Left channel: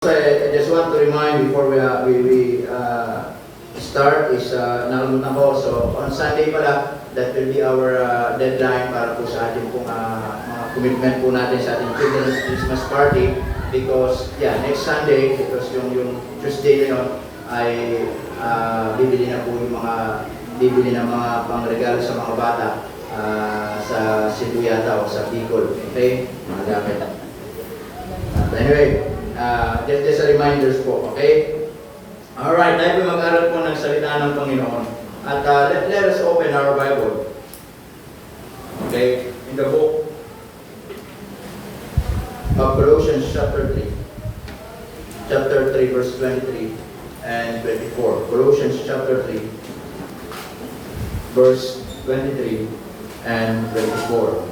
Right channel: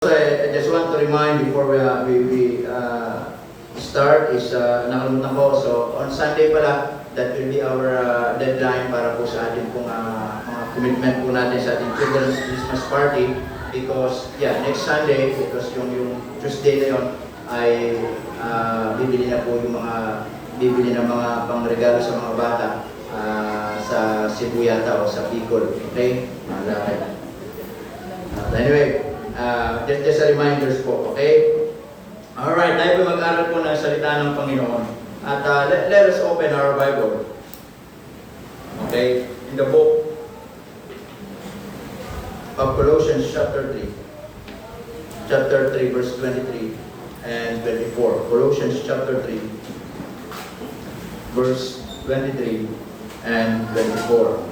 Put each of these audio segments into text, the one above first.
I just want to remind before we start is nakalimutan ko. So on Sunday pala, that will be our deadline para po sa ating pong mga commitment po natin sa ating Children's Christmas Party, because next Sunday, because yung Tuesday na yun ay bibili na po yung bibili ng mga pangregalo sa mga bata sa Cebu yata o sa Bicol. Okay? Mga dapat. Anyway, just a reminders po, okay? Alright, tayo po mag-aaral po ng salita ng Panginoon. At let us open our Bible. Okay? In the book of Colossians chapter 3. Chapter 3, verse 23 and 24. Colossians chapter 3, verse 23 and 24.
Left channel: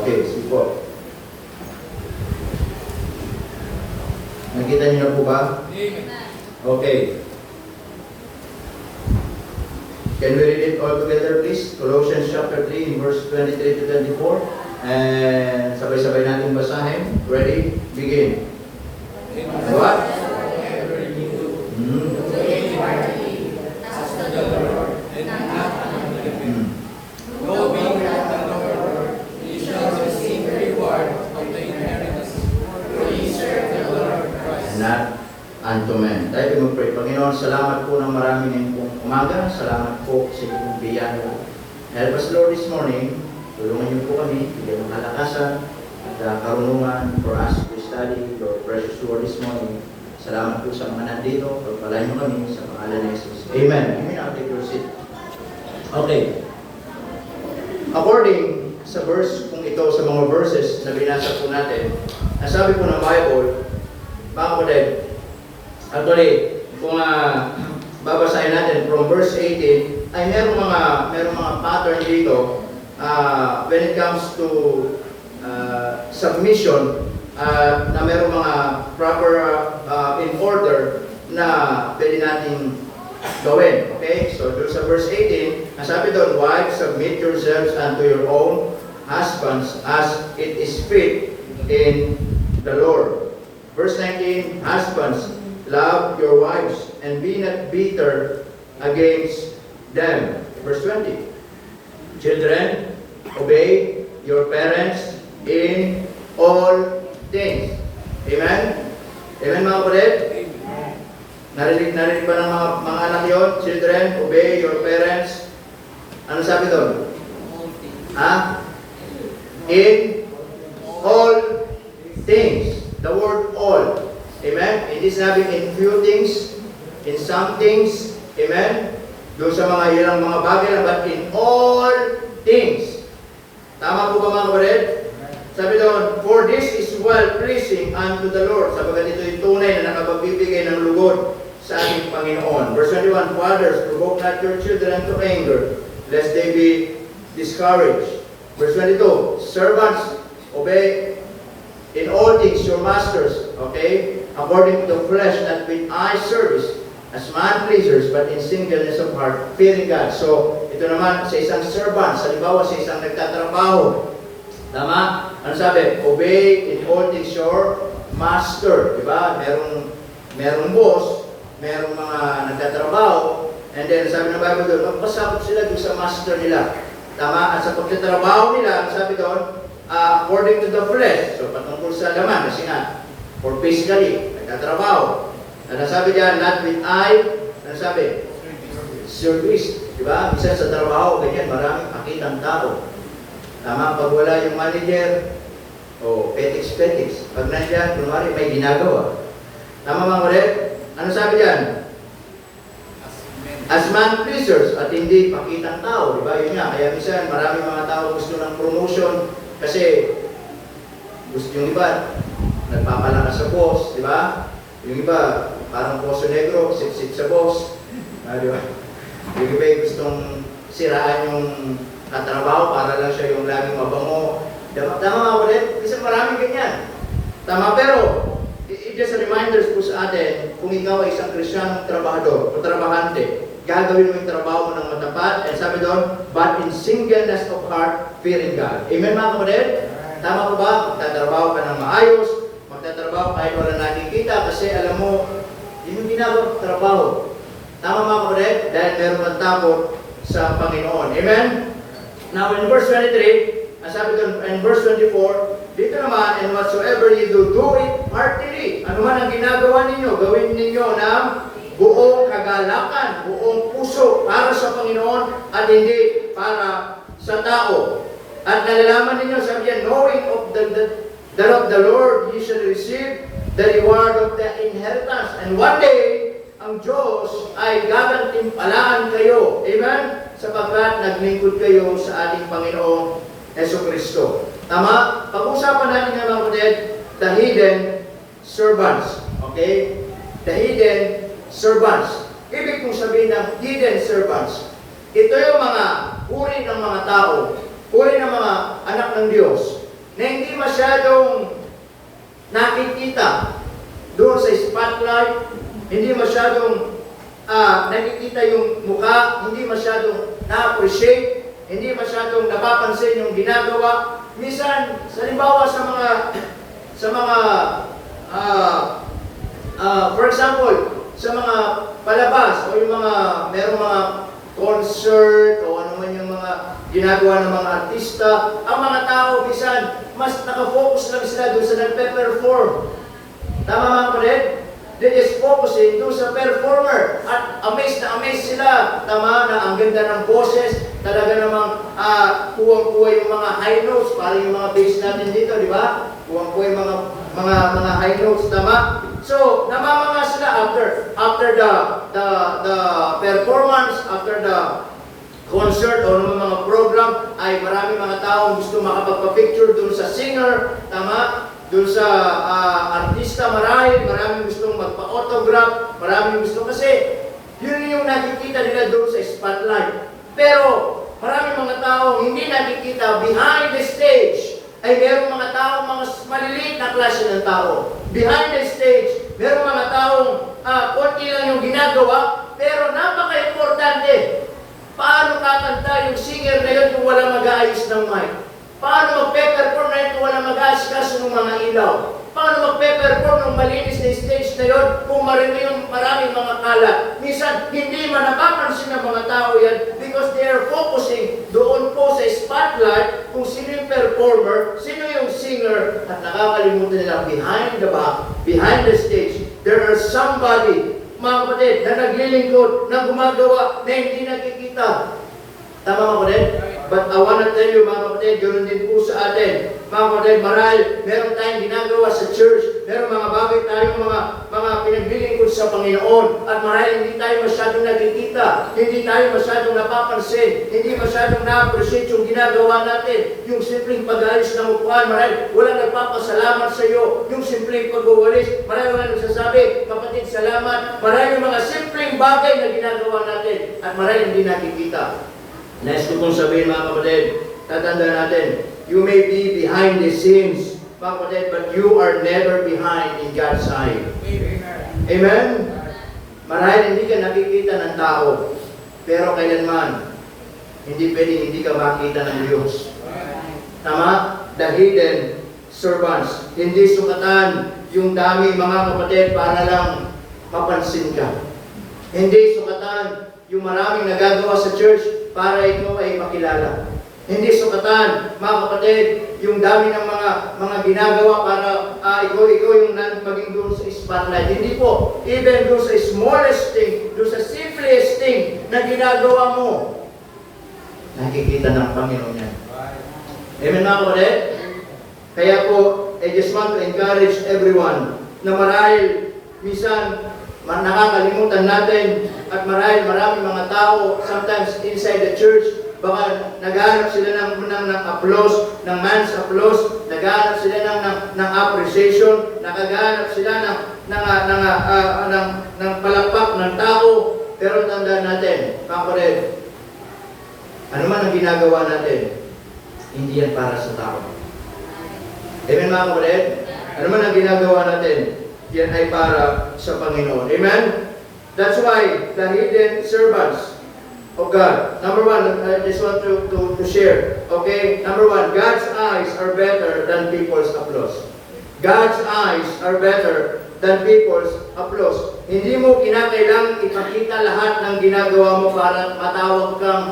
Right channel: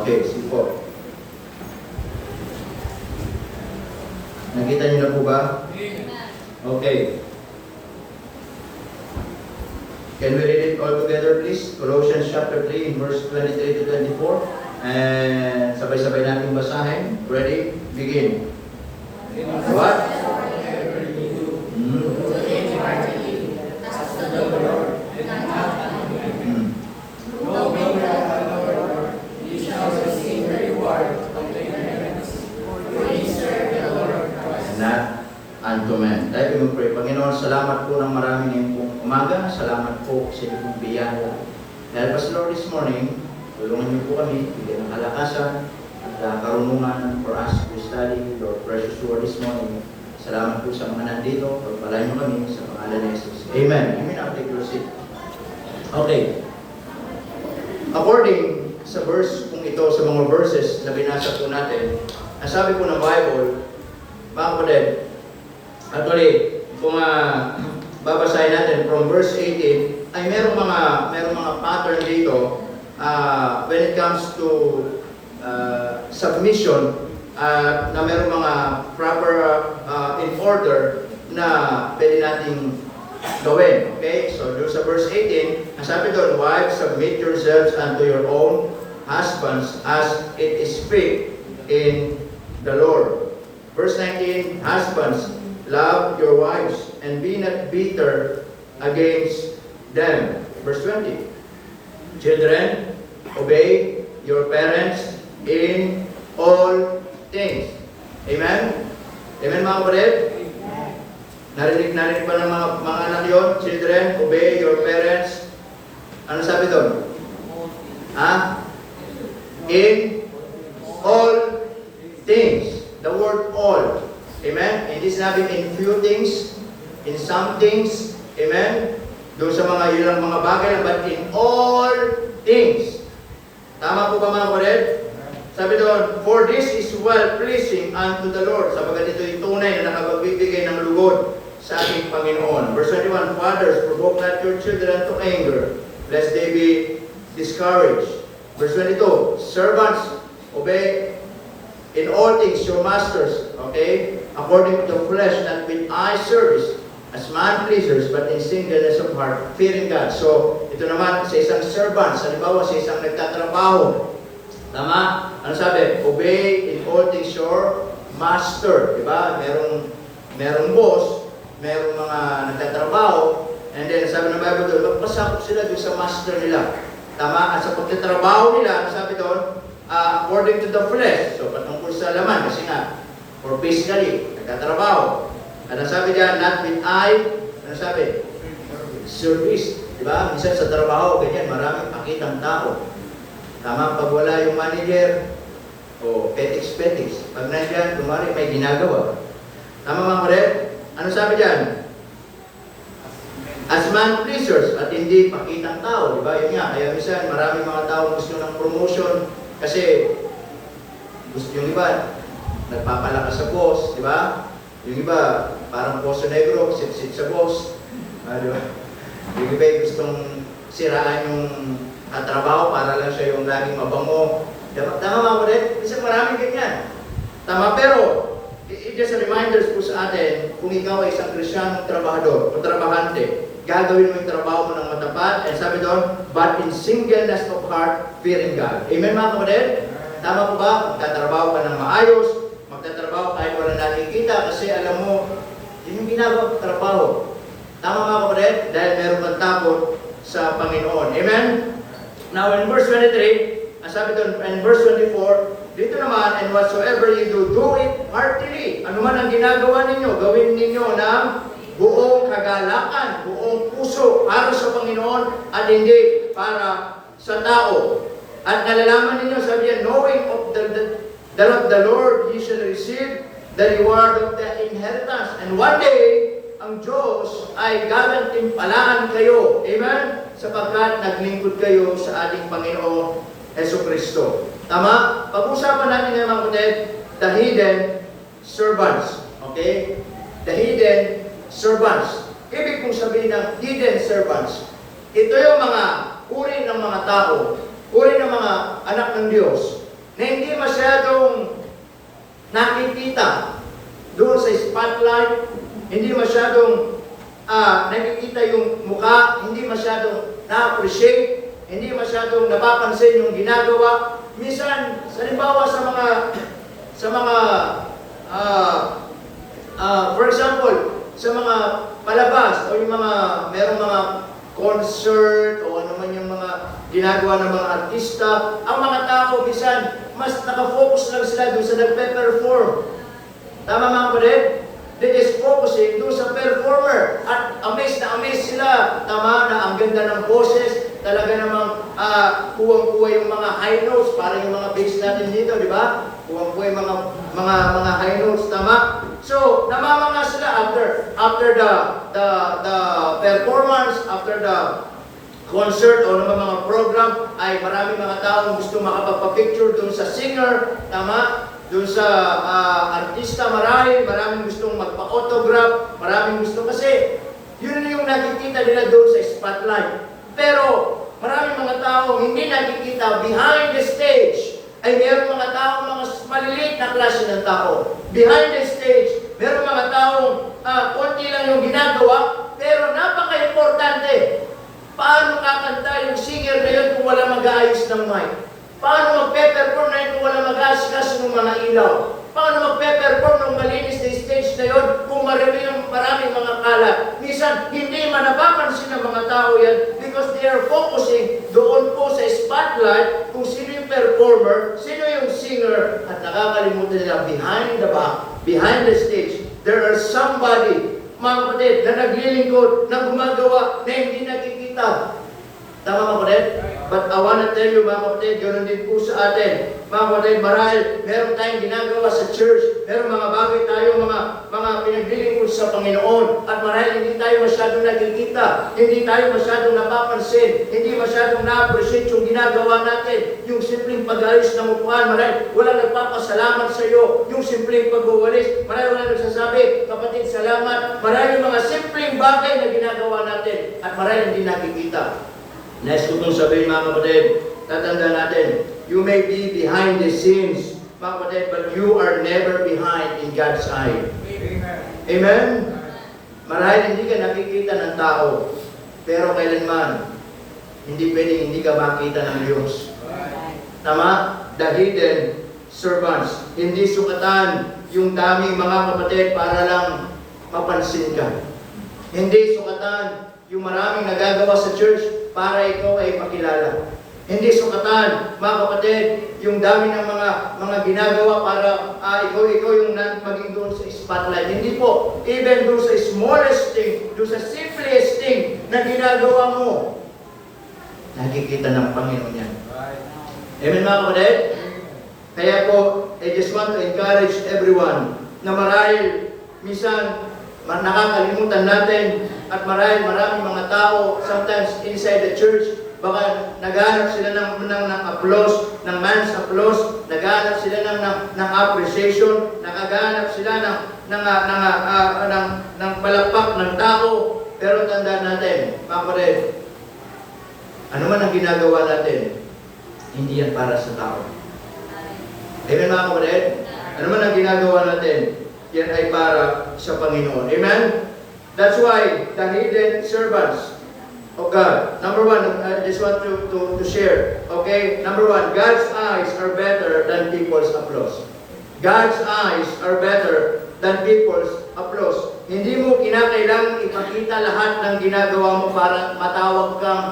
Okay, sige po. Nakita niyo na po ba? Okay. Can we read it all together, please? Colossians chapter 3, verse 23 to 24. And sabay-sabay natin basahin. Ready? Begin. What? Unto men. Tayo mag-pray. Panginoon, salamat po ng marami ngayong pong umaga. Salamat po sa inyong biyaya. Help us, Lord, this morning. Tulungan niyo po kami, bigyan ng kalakasan at karunungan for us to study your precious word this morning. Salamat po sa mga nandito. Pagpalain mo kami sa pangalan ni Jesus. Amen. Amen. I'll take your seat. Okay. According sa verse kung ito, sa mga verses na binasa po natin, ang sabi po ng Bible, mga kapatid, actually, kung babasahin natin from verse 18, ay merong mga pattern dito when it comes to submission, na merong mga proper in order na pwede nating gawin. Okay? So, doon sa verse 18, nasabi doon, wives, submit yourselves unto your own husbands as it is fit in the Lord. Verse 19, husbands, love your wives and be not bitter against them. Verse 20. Children, obey your parents in all things. Amen? Amen, mga kapatid? Narinig ba ng mga anak yun? Children, obey your parents. Ano sabi doon? In all things. The word all. Amen? Hindi sinabi in few things, in some things, amen? Doon sa mga ilang mga bagay lang, but in all things. Tama po ba, mga kapatid? Sabi doon, for this is well-pleasing unto the Lord. Sabagat ito'y tunay na nakapagbibigay ng lugod sa ating Panginoon. Verse 21, fathers, provoke not your children to anger, lest they be discouraged. Verse 22, servants, obey in all things your masters, okay? According to the flesh, not with eye service, as man-pleasers, but in singleness of heart, fearing God. So, ito naman, sa isang servant, sa halimbawa, sa isang nagtatrabaho. Tama? Ano sabi? Obey in all things your master. Diba? Merong boss, merong mga nagtatrabaho, and then sabi ng Bible doon, magpasakop sila doon sa master nila. Tama? At sa pagtatrabaho nila, sabi doon, according to the flesh. So, patungkol sa laman, kasi nga, or physically, nagtatrabaho. Ano sabi diyan? Not with eye. Ano sabi? Service. Diba? Minsan sa trabaho, ganyan, maraming pakitang tao. Tama? Pag wala yung manager, o petics. Pag nandiyan, kunwari may ginagawa. Tama mga kapatid? Ano sabi diyan? As man-pleasers, at hindi pakitang tao. Diba? Yun nga, kaya minsan, maraming mga tao gusto ng promotion, kasi gusto yung iba, nagpapalakas sa boss, di ba? Yung iba, parang Poso Negro, sit-sit sa boss. Di ba? Yung iba gustong siraan yung katrabaho para lang siya yung laging mabango. Tama mga ulit? Isa maraming ganyan. Tama, pero just a reminder po sa atin, kung ikaw ay isang Kristiyanong trabahador o trabahante, gagawin mo yung trabaho mo ng matapat, and sabi doon, but in singleness of heart, fearing God. Amen mga kapatid? Tama po ba? Magtatrabaho ka ng maayos, nagtatrabaho kahit wala nakikita kasi alam mo, yun yung ginagawa trabaho. Tama mga kapatid? Dahil meron kang takot sa Panginoon. Amen? Now in verse 23, sabi doon, in verse 24, dito naman, and whatsoever you do it heartily. Ano man ang ginagawa ninyo, gawin ninyo ng buong kagalakan, buong puso para sa Panginoon at hindi para sa tao. At nalalaman ninyo, sabi yan, knowing that of the Lord you shall receive the reward of the inheritance. And one day, ang Diyos ay gagantimpalaan kayo. Amen? Sapagkat naglingkod kayo sa ating Panginoon Jesucristo. Tama? Pag-usapan natin ng mga kapatid, the hidden servants. Okay? The hidden servants. Ibig kong sabihin ng hidden servants. Ito yung mga uri ng mga tao, uri ng mga anak ng Diyos, na hindi masyadong nakikita doon sa spotlight, hindi masyadong nakikita yung mukha, hindi masyadong na-appreciate, hindi masyadong napapansin yung ginagawa. Minsan, halimbawa sa mga for example, sa mga palabas o yung merong mga concert o ano man yung mga ginagawa ng mga artista, ang mga tao minsan mas nakafocus lang sila doon sa nagpe-perform. Tama mga kapatid? They is focusing doon sa performer at amazed na amazed sila. Tama na ang ganda ng boses, talaga namang kuwang-kuwa yung mga high notes, parang yung mga bass natin dito, di ba? Kuwang-kuwa yung mga high notes, tama? So, namamanga sila after the performance, after the concert o naman mga program, ay maraming mga taong gusto makapagpa-picture doon sa singer, tama? Doon sa artista, maraming gustong magpa-autograph, maraming gusto kasi yun yung nakikita nila doon sa spotlight. Pero maraming mga tao hindi nakikita behind the stage. Ay mayroong mga taong mga maliliit na klase ng tao. Behind the stage, mayroong mga taong konti lang yung ginagawa, pero napaka-importante. Paano kakanta yung singer na yun kung wala mag-aayos ng mic? Paano magpe-perform na yun kung wala mag-aayos ng mga ilaw? Paano magpe-perform ng malinis na stage na yun kung maraming mga kalat? Minsan, hindi man napapansin ng mga tao yan because they are focusing doon po sa spotlight kung sino yung performer, sino yung singer, at nakakalimutan nila behind the stage, there are somebody, mga kapatid, na naglilingkod, na gumagawa, na hindi nakikita. Tama mga kapatid? But I want to tell you, mga kapatid, ganoon din po sa atin. Mga kapatid, marahil meron tayong ginagawa sa church, meron mga bagay tayong mga pinaglilingkod sa Panginoon, at marahil hindi tayo masyadong nakikita, hindi tayo masyadong napapansin, hindi masyadong na-appreciate yung ginagawa natin, yung simpleng pag-ayos ng upuan, marahil walang nagpapasalamat sa iyo, yung simpleng pagwawalis, marahil walang nagsasabi, kapatid, salamat, marahil yung mga simpleng bagay na ginagawa natin, at marahil hindi nakikita. Next ko pong sabihin mga kapatid, tatandaan natin, you may be behind the scenes, mga kapatid, but you are never behind in God's eye. Amen? Marahil hindi ka nakikita ng tao, pero kailanman, hindi pwedeng hindi ka makita ng Diyos. Tama? The hidden servants. Hindi sukatan yung daming mga kapatid para lang mapansin ka. Hindi sukatan yung maraming nagagawa sa church para ikaw ay makilala. Hindi sukatan, mga kapatid, yung dami ng mga ginagawa para ikaw yung maging doon sa spotlight. Hindi po. Even doon sa smallest thing, doon sa simplest thing na ginagawa mo, nakikita ng Panginoon yan. Amen mga kapatid? Kaya po, I just want to encourage everyone na marahil minsan nakakalimutan natin at maraming mga tao sometimes inside the church baka naghahanap sila ng applause, ng man's applause, naghahanap sila ng appreciation, naghahanap sila ng palakpak ng tao, pero tandaan natin, mga kapatid, ano man ang ginagawa natin, hindi yan para sa tao. Amen mga kapatid? Ano man ang ginagawa natin, yan ay para sa Panginoon. Amen? That's why the hidden servants of God. Number one, I just want to share. Okay? Number one, God's eyes are better than people's applause. God's eyes are better than people's applause. Hindi mo kinakailangang ipakita lahat ng ginagawa mo para matawag kang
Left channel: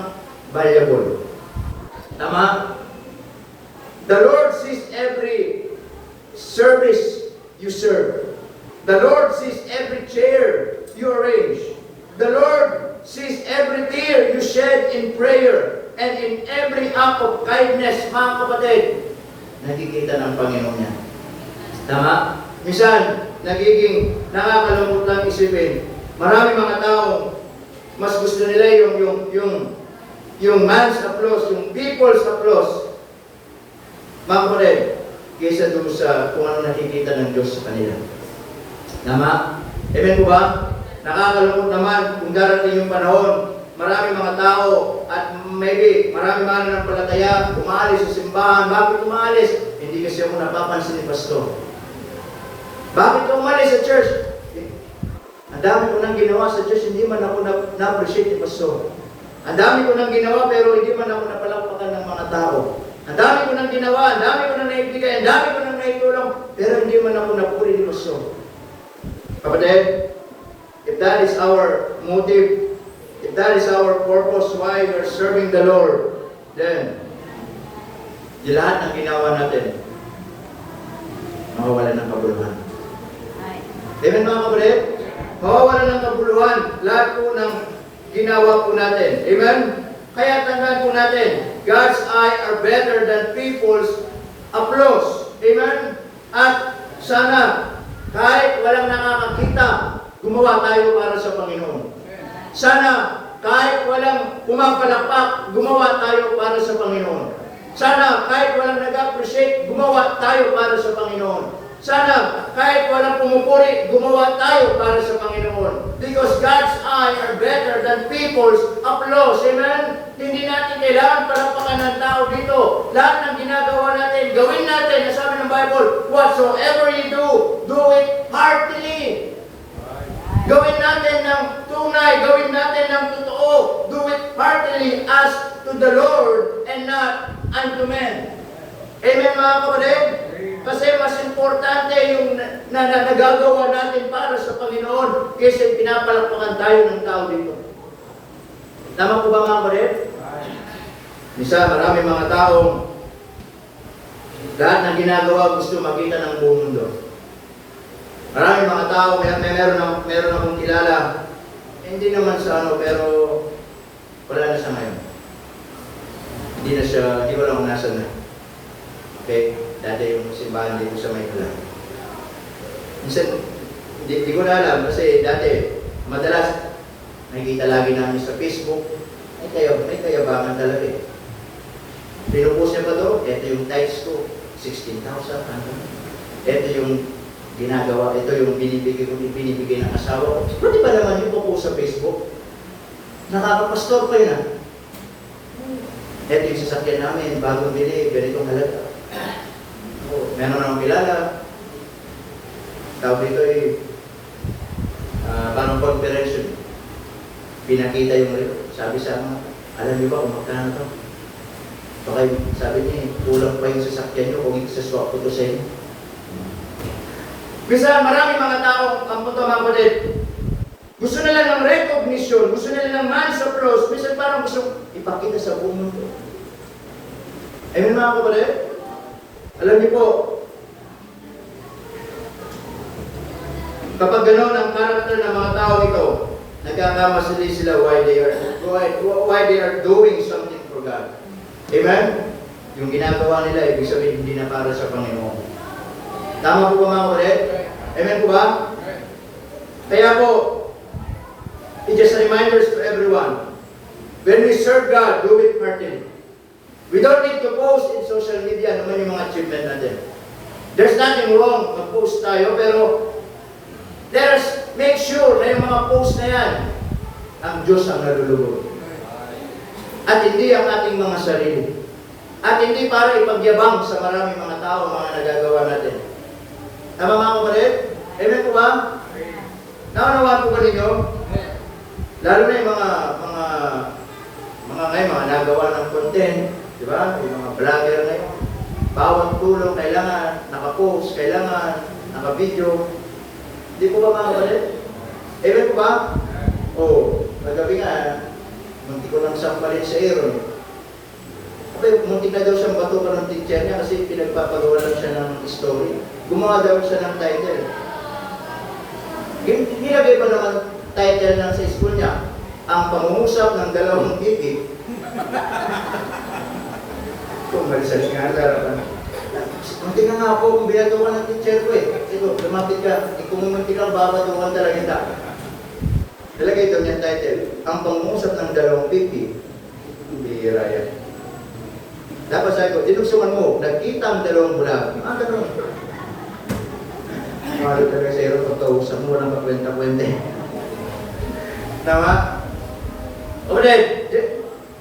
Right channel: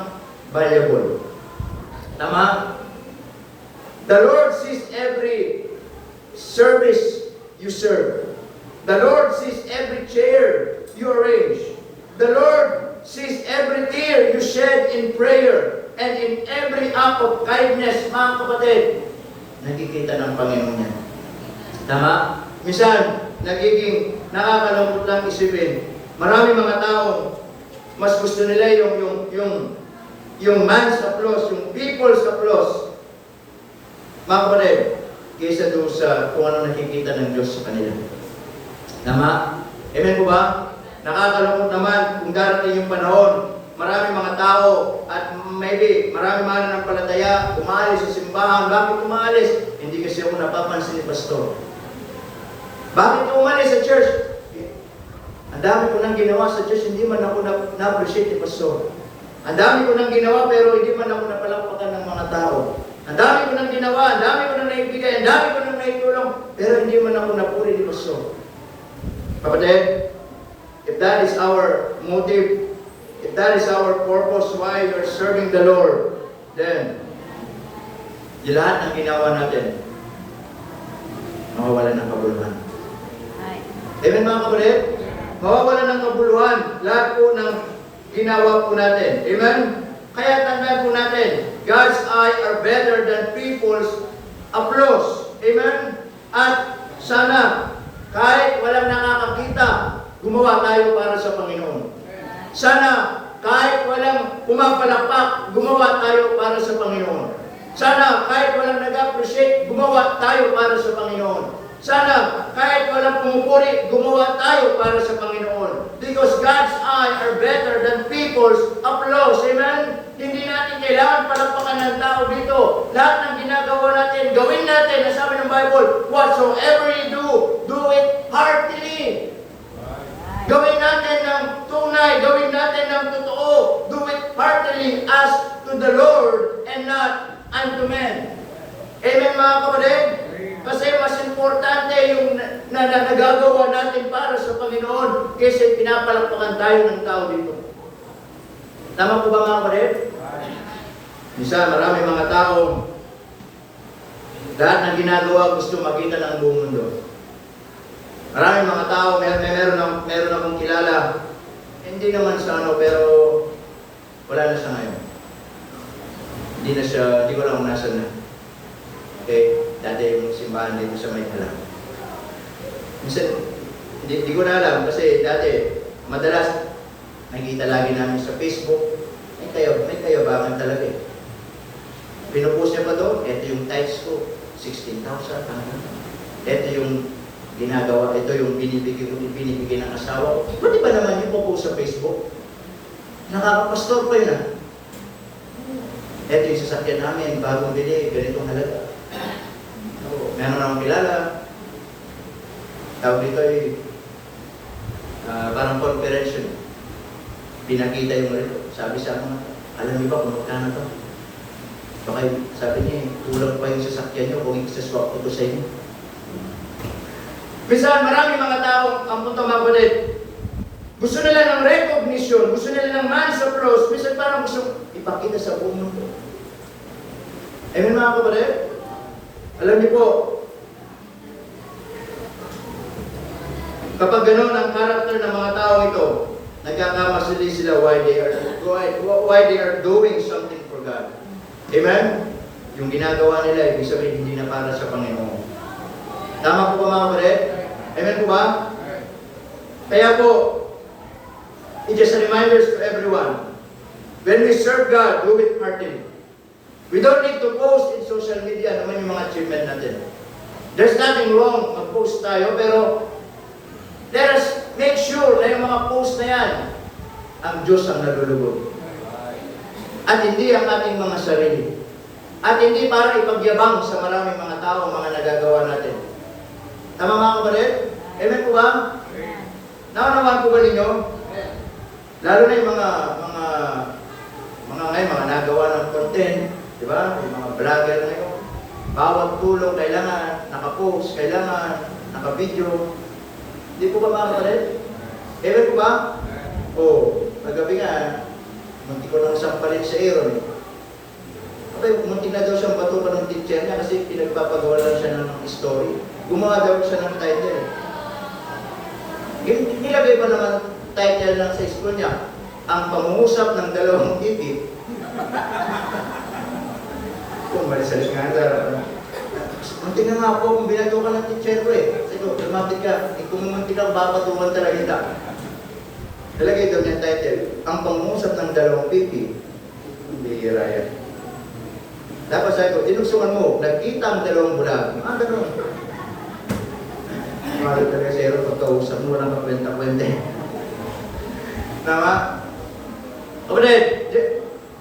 valuable. Tama? The Lord sees every service you serve. The Lord sees every chair you arrange. The Lord sees every tear you shed in prayer and in every act of kindness, mga kapatid. Nakikita ng Panginoon yan. Tama? Minsan, nagiging nakakalungkot lang isipin. Marami mga tao, mas gusto nila yung man's applause, yung people's applause. Mga kapatid, kaysa doon sa kung ano nakikita ng Diyos sa kanila. Tama? Amen po ba? Nakakalungkot naman kung darating yung panahon, marami mga tao at maybe marami mga nanampalataya, umalis sa simbahan. Bakit umalis? Hindi kasi ako napapansin ni Pastor. Bakit ka umalis sa church? Ang dami ko nang ginawa sa church, hindi man ako na-appreciate ni Pastor. Ang dami ko nang ginawa pero hindi man ako napalakpakan ng mga tao. Ang dami ko nang ginawa, ang dami ko nang naibigay, ang dami ko nang naitulong, pero hindi man ako napuri ni Pastor. Kapatid, if that is our motive, if that is our purpose why we are serving the Lord, then di lahat ng ginawa natin, mawawalan ng kabuluhan. Amen mga kapatid? Mawawalan ng kabuluhan lahat po ng ginawa po natin. Amen? Kaya tandaan po natin, God's eye are better than people's applause. Amen? At sana, kahit walang nakakakita, gumawa tayo para sa Panginoon. Sana, kahit walang pumapalakpak, gumawa tayo para sa Panginoon. Sana, kahit walang nag-appreciate, gumawa tayo para sa Panginoon. Sana, kahit walang pumupuri, gumawa tayo para sa Panginoon. Because God's eye are better than people's applause. Amen? Hindi natin kailangan palakpakan ng tao dito. Lahat ng ginagawa natin, gawin natin. Nasabi ng Bible, whatsoever you do it heartily. Gawin natin ng tunay, gawin natin ng totoo. Do it heartily as to the Lord and not unto men. Amen mga kapatid? Kasi mas importante yung nagagawa natin para sa Panginoon kaysa pinapalakpakan tayo ng tao dito. Tama po ba mga kapatid? Isa, marami mga tao, lahat ng ginagawa gusto makita ng buong mundo. Maraming mga tao, meron akong kilala, hindi naman sa ano, pero wala na siya ngayon. Hindi ko lang nasa na. Okay, dati yung simbahan dito sa Mayhala. Minsan, hindi ko na alam kasi dati, madalas, nakikita lagi namin sa Facebook, may kayabangan talaga eh. Pinupost niya pa doon, ito yung text ko, 16,000, ito yung ginagawa, ito yung binibigay ng asawa ko. Pwede ba naman yung popost sa Facebook? Nakakapastor ko yun ah. Ito yung sasakyan namin, bagong bili, ganitong halaga. Meron akong kilala. Tawag dito ay parang conference. Pinakita yung rito. Sabi sa akin, alam niyo ba kung magkano ito? Baka sabi niya, kulang pa yung sasakyan niyo kung i-swap ko ito sa inyo. Bisa maraming mga tao ang punta mga kapatid. Gusto nila ng recognition, gusto nila ng man's applause, bisa parang gusto ipakita sa buong mundo. Amen mga kapatid? Alam niyo po, kapag gano'n ang karakter ng mga tao ito, nagkakamasali sila why they are doing something for God. Amen? Yung ginagawa nila, ibig sabihin hindi na para sa Panginoon. Tama po ba mga kapatid? Amen po ba? Kaya po, it's just a reminder to everyone, when we serve God, do it heartily. We don't need to post in social media naman yung mga achievement natin. There's nothing wrong mag-post tayo, pero make sure na yung mga post na yan, ang Diyos ang nalulugod. At hindi ang ating mga sarili. At hindi para ipagyabang sa maraming mga tao, mga nagagawa natin. Tama mga kapatid? Amen po ba? Naunawaan po ba ninyo? Lalo na yung mga ngayon, mga nagawa ng content, di ba? Yung mga vlogger na yun. Bawat tulong kailangan naka-post, kailangan naka-video. Hindi po ba mga kapatid? Ewan po ba? O, nagabi nga, munti ko lang sampalit sa Aaron. Abay, munti na daw siyang batukan ng teacher niya kasi pinagpapagawa lang siya ng story. Gumawa daw siya ng title. Nilagay pa naman title lang sa school niya, ang pangungusap ng dalawang ibig. Kung malisalis nga sa ang tingnan nga po kung binatukan ng teacher ko eh. Sige, lumapit ka. Kung munti kang babatukan talaga kita. Nilagay daw niyang title, ang pangungusap ng dalawang pipi. Bihira yan. Tapos sabi ko, tinugsungan mo, nagkita ang dalawang bulag. Ganun. Mahalo talaga sa Aaron pagkausap mo, walang makwenta-kwenta. Tama? Kapatid,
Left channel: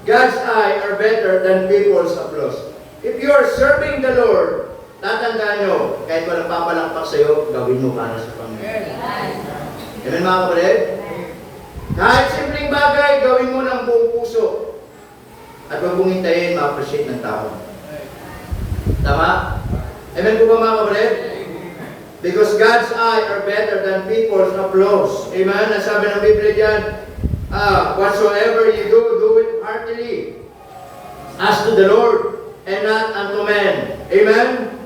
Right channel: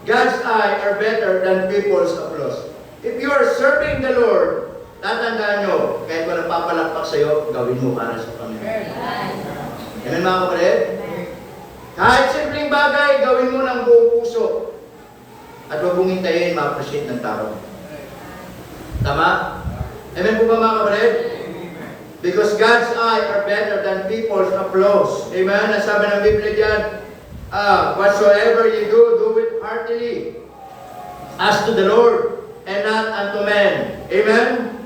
God's eye are better than people's applause. If you are serving the Lord, tatandaan nyo, kahit walang papalakpak sa'yo, gawin mo para sa Panginoon. Amen mga kapatid? Kahit simpleng bagay, gawin mo ng buong puso. At huwag mong hintayin, ma-appreciate ng tao. Tama? Amen po ba mga kapatid? Because God's eye are better than people's applause. Amen? Nasabi ng Biblia dyan, whatsoever you do, do it heartily, as to the Lord, and not unto men. Amen?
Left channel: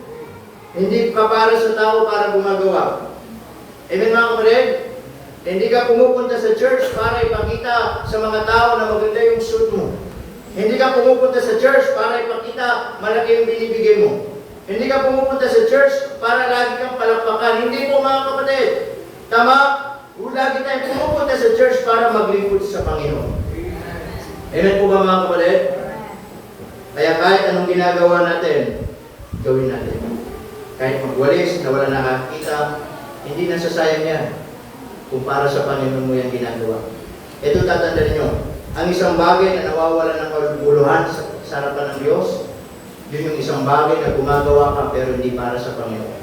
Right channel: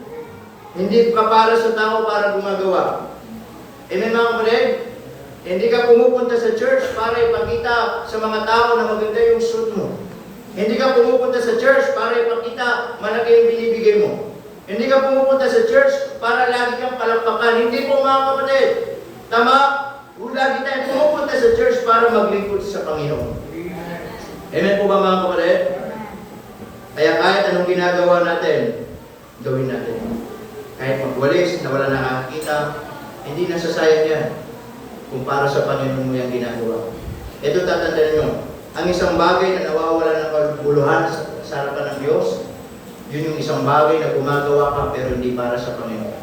Hindi pa para sa tao para gumagawa. Amen mga kapatid? Hindi ka pumupunta sa church para ipakita sa mga tao na maganda yung suit mo. Hindi ka pumupunta sa church para ipakita malaki yung binibigay mo. Hindi ka pumupunta sa church para lagi kang palakpakan. Hindi po mga kapatid. Tama? Lagi tayo pumupunta sa church para maglingkod sa Panginoon. Amen po ba mga kapatid? Kaya kahit anong ginagawa natin, gawin natin. Kahit magwalis na wala nakakita, hindi nasasayang yan kung para sa Panginoon mo yan ginagawa. Ito tatandaan nyo, ang isang bagay na nawawala ng kabuluhan sa harapan ng Diyos, yun yung isang bagay na gumagawa ka pero hindi para sa Panginoon.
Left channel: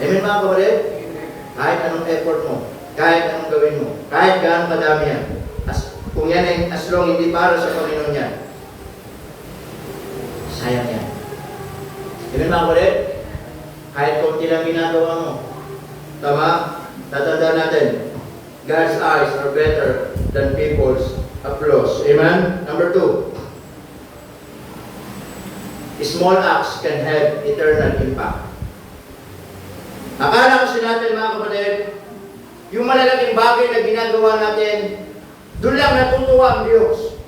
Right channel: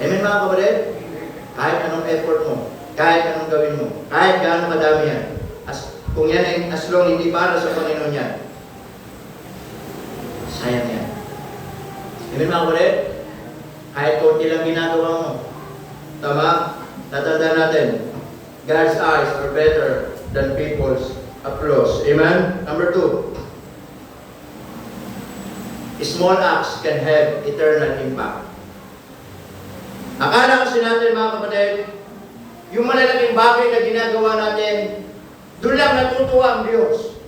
Amen mga kapatid? Kahit anong effort mo, kahit anong gawin mo, kahit gaano kadami yan, kung yan ay as long hindi para sa Panginoon yan, sayang yan. Amen mga kapatid? Kahit konti lang ginagawa mo. Tama? Tatandaan natin, God's eyes are better than people's applause. Amen? Number 2. Small acts can have eternal impact. Akala kasi natin mga kapatid, yung malalaking bagay na ginagawa natin, doon lang natutuwa ang Diyos.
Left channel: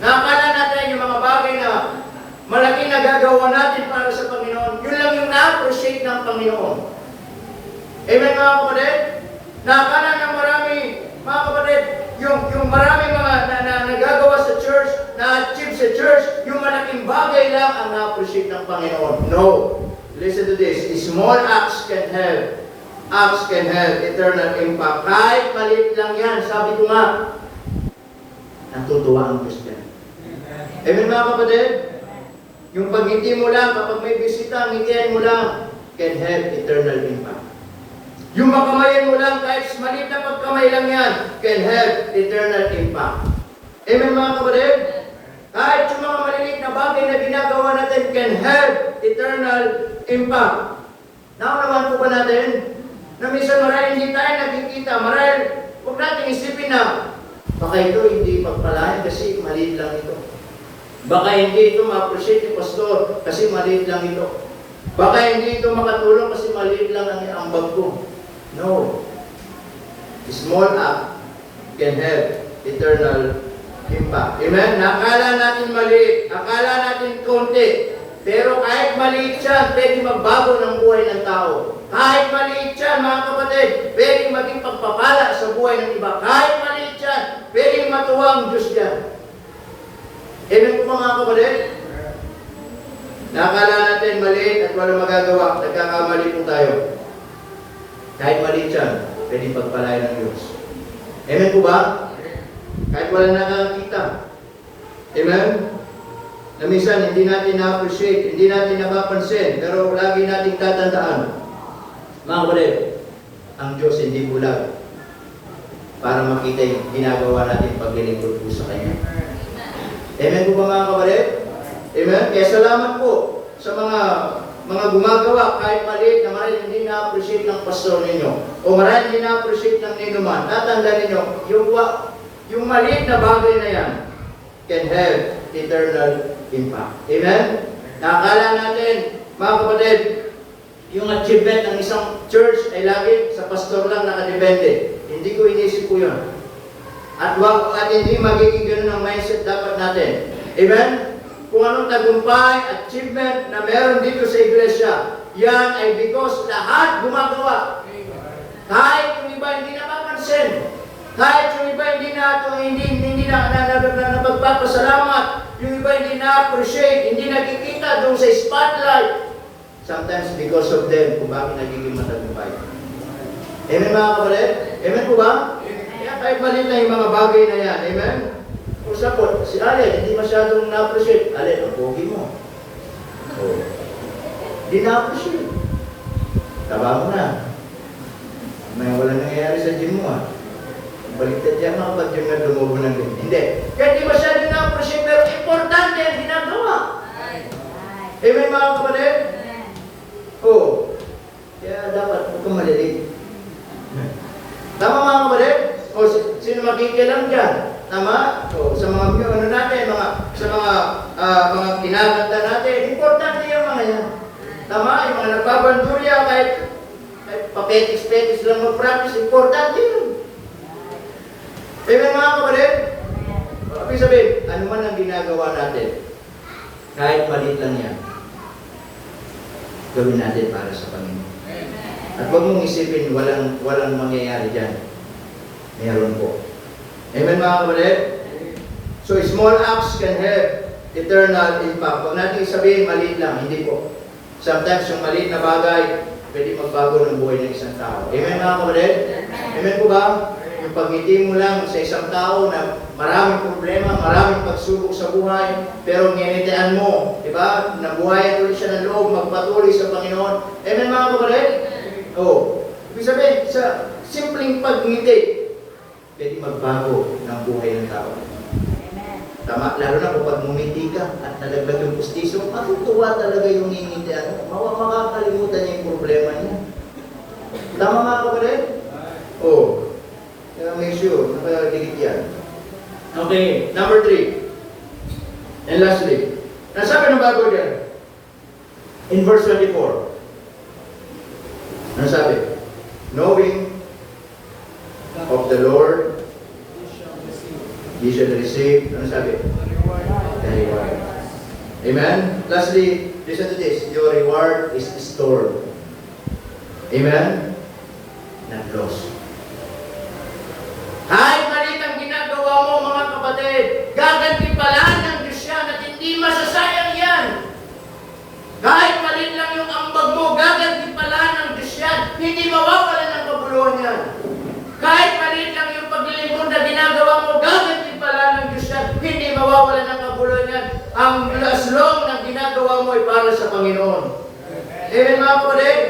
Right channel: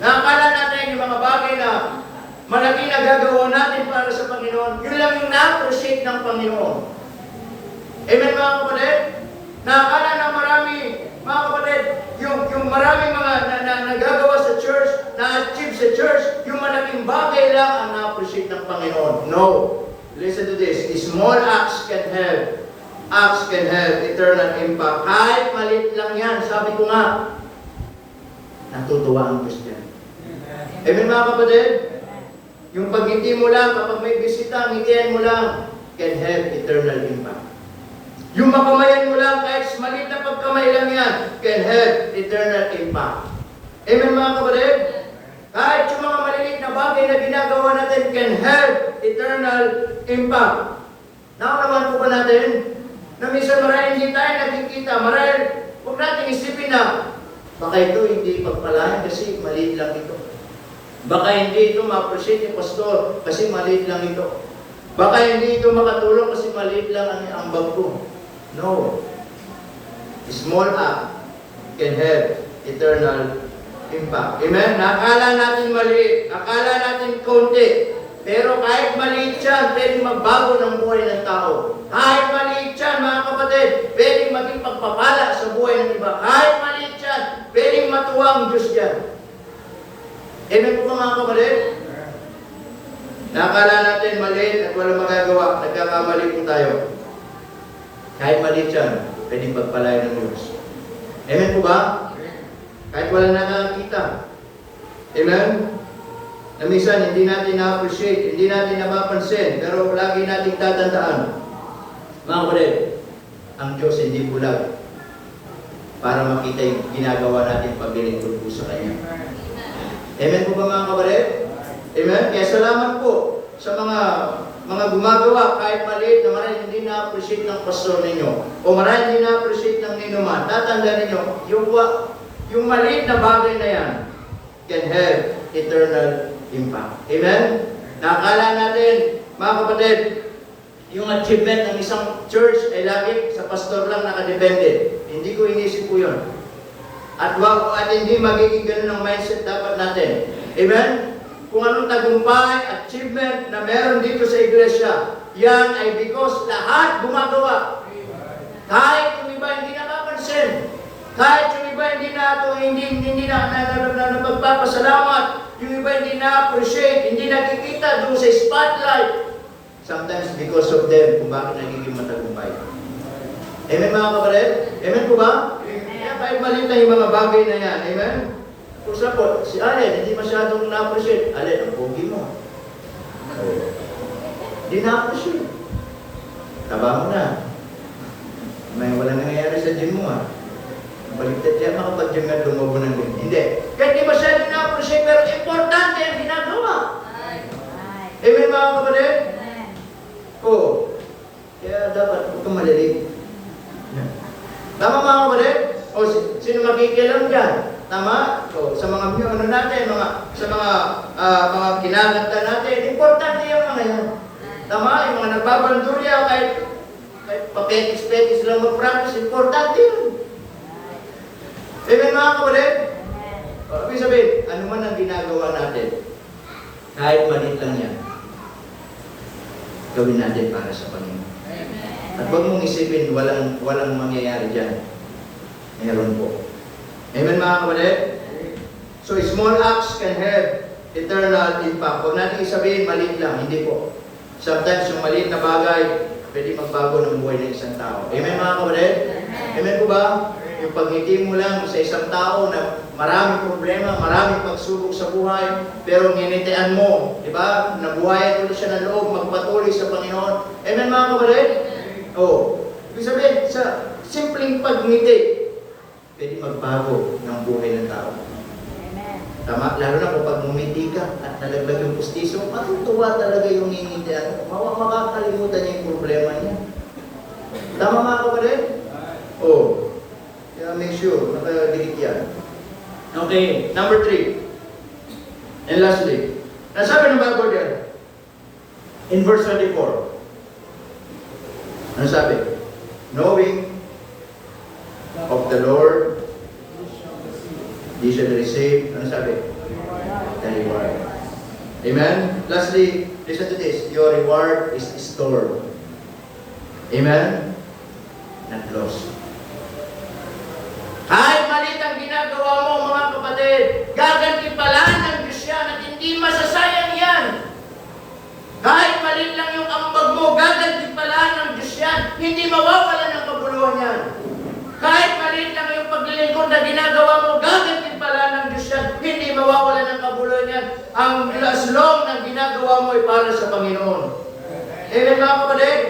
Nakakala natin yung mga bagay na malaking nagagawa natin para sa Panginoon, yun lang yung na-appreciate ng Panginoon. Amen mga kapatid? Nakakala na marami, mga kapatid, yung marami mga nagagawa sa church, na-achieve sa church, yung malaking bagay lang ang na-appreciate ng Panginoon. No. Listen to this. Small acts can have eternal impact. Kahit maliit lang yan, sabi ko nga, natutuwa ang Diyos yan. Amen mga kapatid? Yung pag-ngiti mo lang, kapag may bisita, ngitian mo lang, can have eternal impact. Yung makamayan mo lang, kahit maliit na pagkamay lang yan, can have eternal impact. Amen mga kapatid? Kahit yung mga maliliit na bagay na ginagawa natin can have eternal impact. Naunawan po ba natin? Na minsan marahil hindi tayo nakikita, marahil huwag natin isipin na baka ito hindi pagpalain kasi maliit lang ito. Baka hindi ito ma-appreciate ni Pastor kasi maliit lang ito. Baka hindi ito makatulong kasi maliit lang ang ambag ko. No. Small act can have eternal impact. Amen? Nakala natin maliit, akala natin konti, pero kahit maliit yan, pwede magbago ng buhay ng tao. Kahit maliit yan, mga kapatid, pwede maging pagpapala sa buhay ng iba. Kahit maliit yan, pwede matuwa ang Diyos yan. Amen po mga kapatid? Nakala natin maliit at walang magagawa, nagkakamali po tayo. Kahit maliit yan, pwede pagpalain ng Diyos. Amen po ba? Kahit wala nakakita. Amen? Na minsan, hindi natin na-appreciate, hindi natin napapansin, pero lagi natin tatandaan. Mga kapatid, ang Diyos hindi bulag para makita yung ginagawa natin paglilingkod po sa Kanya. Amen po ba mga kapatid? Amen? Kaya salamat po sa mga gumagawa, kahit maliit na marahil hindi na-appreciate ng pastor ninyo, o marahil hindi na-appreciate ng ninuman, tatanda ninyo, yung maliit na bagay na yan can have eternal impact. Amen? Nakakala natin, mga kapatid, yung achievement ng isang church ay lagi sa pastor lang nakadepende. Hindi ko inisip po yun. At hindi magiging ganun ang mindset dapat natin. Amen? Kung anong tagumpay, achievement na meron dito sa iglesia, yan ay because lahat gumagawa. Kahit yung iba hindi nakapansin, kahit yung iba hindi na napagpapasalamat, yung iba hindi na-appreciate, hindi nakikita doon sa spotlight, sometimes because of them, kung bakit nagiging matagumpay. Amen mga kapatid? Amen po ba? Kaya kahit maliit na yung mga bagay na yan, amen? Kung sapot, si Ale, hindi masyadong na-appreciate. Ale, ang pogi mo. Oh. Hindi na-appreciate. Taba mo na. May walang nangyayari sa gym mo ah. Baligtad yan ako pag gym nga lumobo ng gym. Hindi. Kaya hindi masyadong na-appreciate, pero importante ang ginagawa. Amen mga kapatid? Oh. Kaya dapat ito malilig. Tama mga kapatid? O sino makikialam dyan? Tama? O sa mga natin, sa mga kinakanta natin, importante yung mga yan. Tama? Yung mga nagbabandurya, kahit papetis-petis lang mag-practice, importante yun. Amen mga kapatid? Ibig sabihin, ano man ang ginagawa natin, kahit maliit lang yan, gawin natin para sa Panginoon. At huwag mong isipin, walang mangyayari dyan. Meron po. Amen mga kapatid? So, small acts can have eternal impact. Huwag natin isabihin, maliit lang. Hindi po. Sometimes, yung maliit na bagay, pwede magbago ng buhay ng isang tao. Amen mga kapatid? Amen po ba? Yung pagngiti mo lang sa isang tao na maraming problema, maraming pagsubok sa buhay, pero nginitian mo, di ba? Nabuhayan ulit siya ng loob, magpatuloy sa Panginoon. Amen mga kapatid? Oh, ibig sabihin, sa simpleng pagngiti, pwede magbago ng buhay ng tao. Tama, lalo na kapag ngumiti ka at nalaglag yung pustiso, matutuwa talaga yung ngingitian. Makakalimutan niya yung problema niya. Tama mga kapatid? Oh. Kaya make sure, makaligit yan. Okay, number 3. And lastly, nasabi ng Bible din, in verse 24, nasabi, knowing of the Lord, ye shall receive, nasabi, the reward. Amen? Lastly, listen to this, your reward is stored. Amen? Not lost. Kahit maliit ang ginagawa mo mga kapatid, gagantipalan ng Diyos yan at hindi masasayang yan. Kahit maliit lang yung ambag mo, gagantipalan ng Diyos yan, hindi mawawala ng kabuluhan yan. Kahit maliit lang yung paglilingkod na ginagawa mo, gagantipalan ng Diyos yan, hindi mawawala ng kabuluhan yan. Ang laslong ng ginagawa mo ay para sa Panginoon. Amen mga kapatid?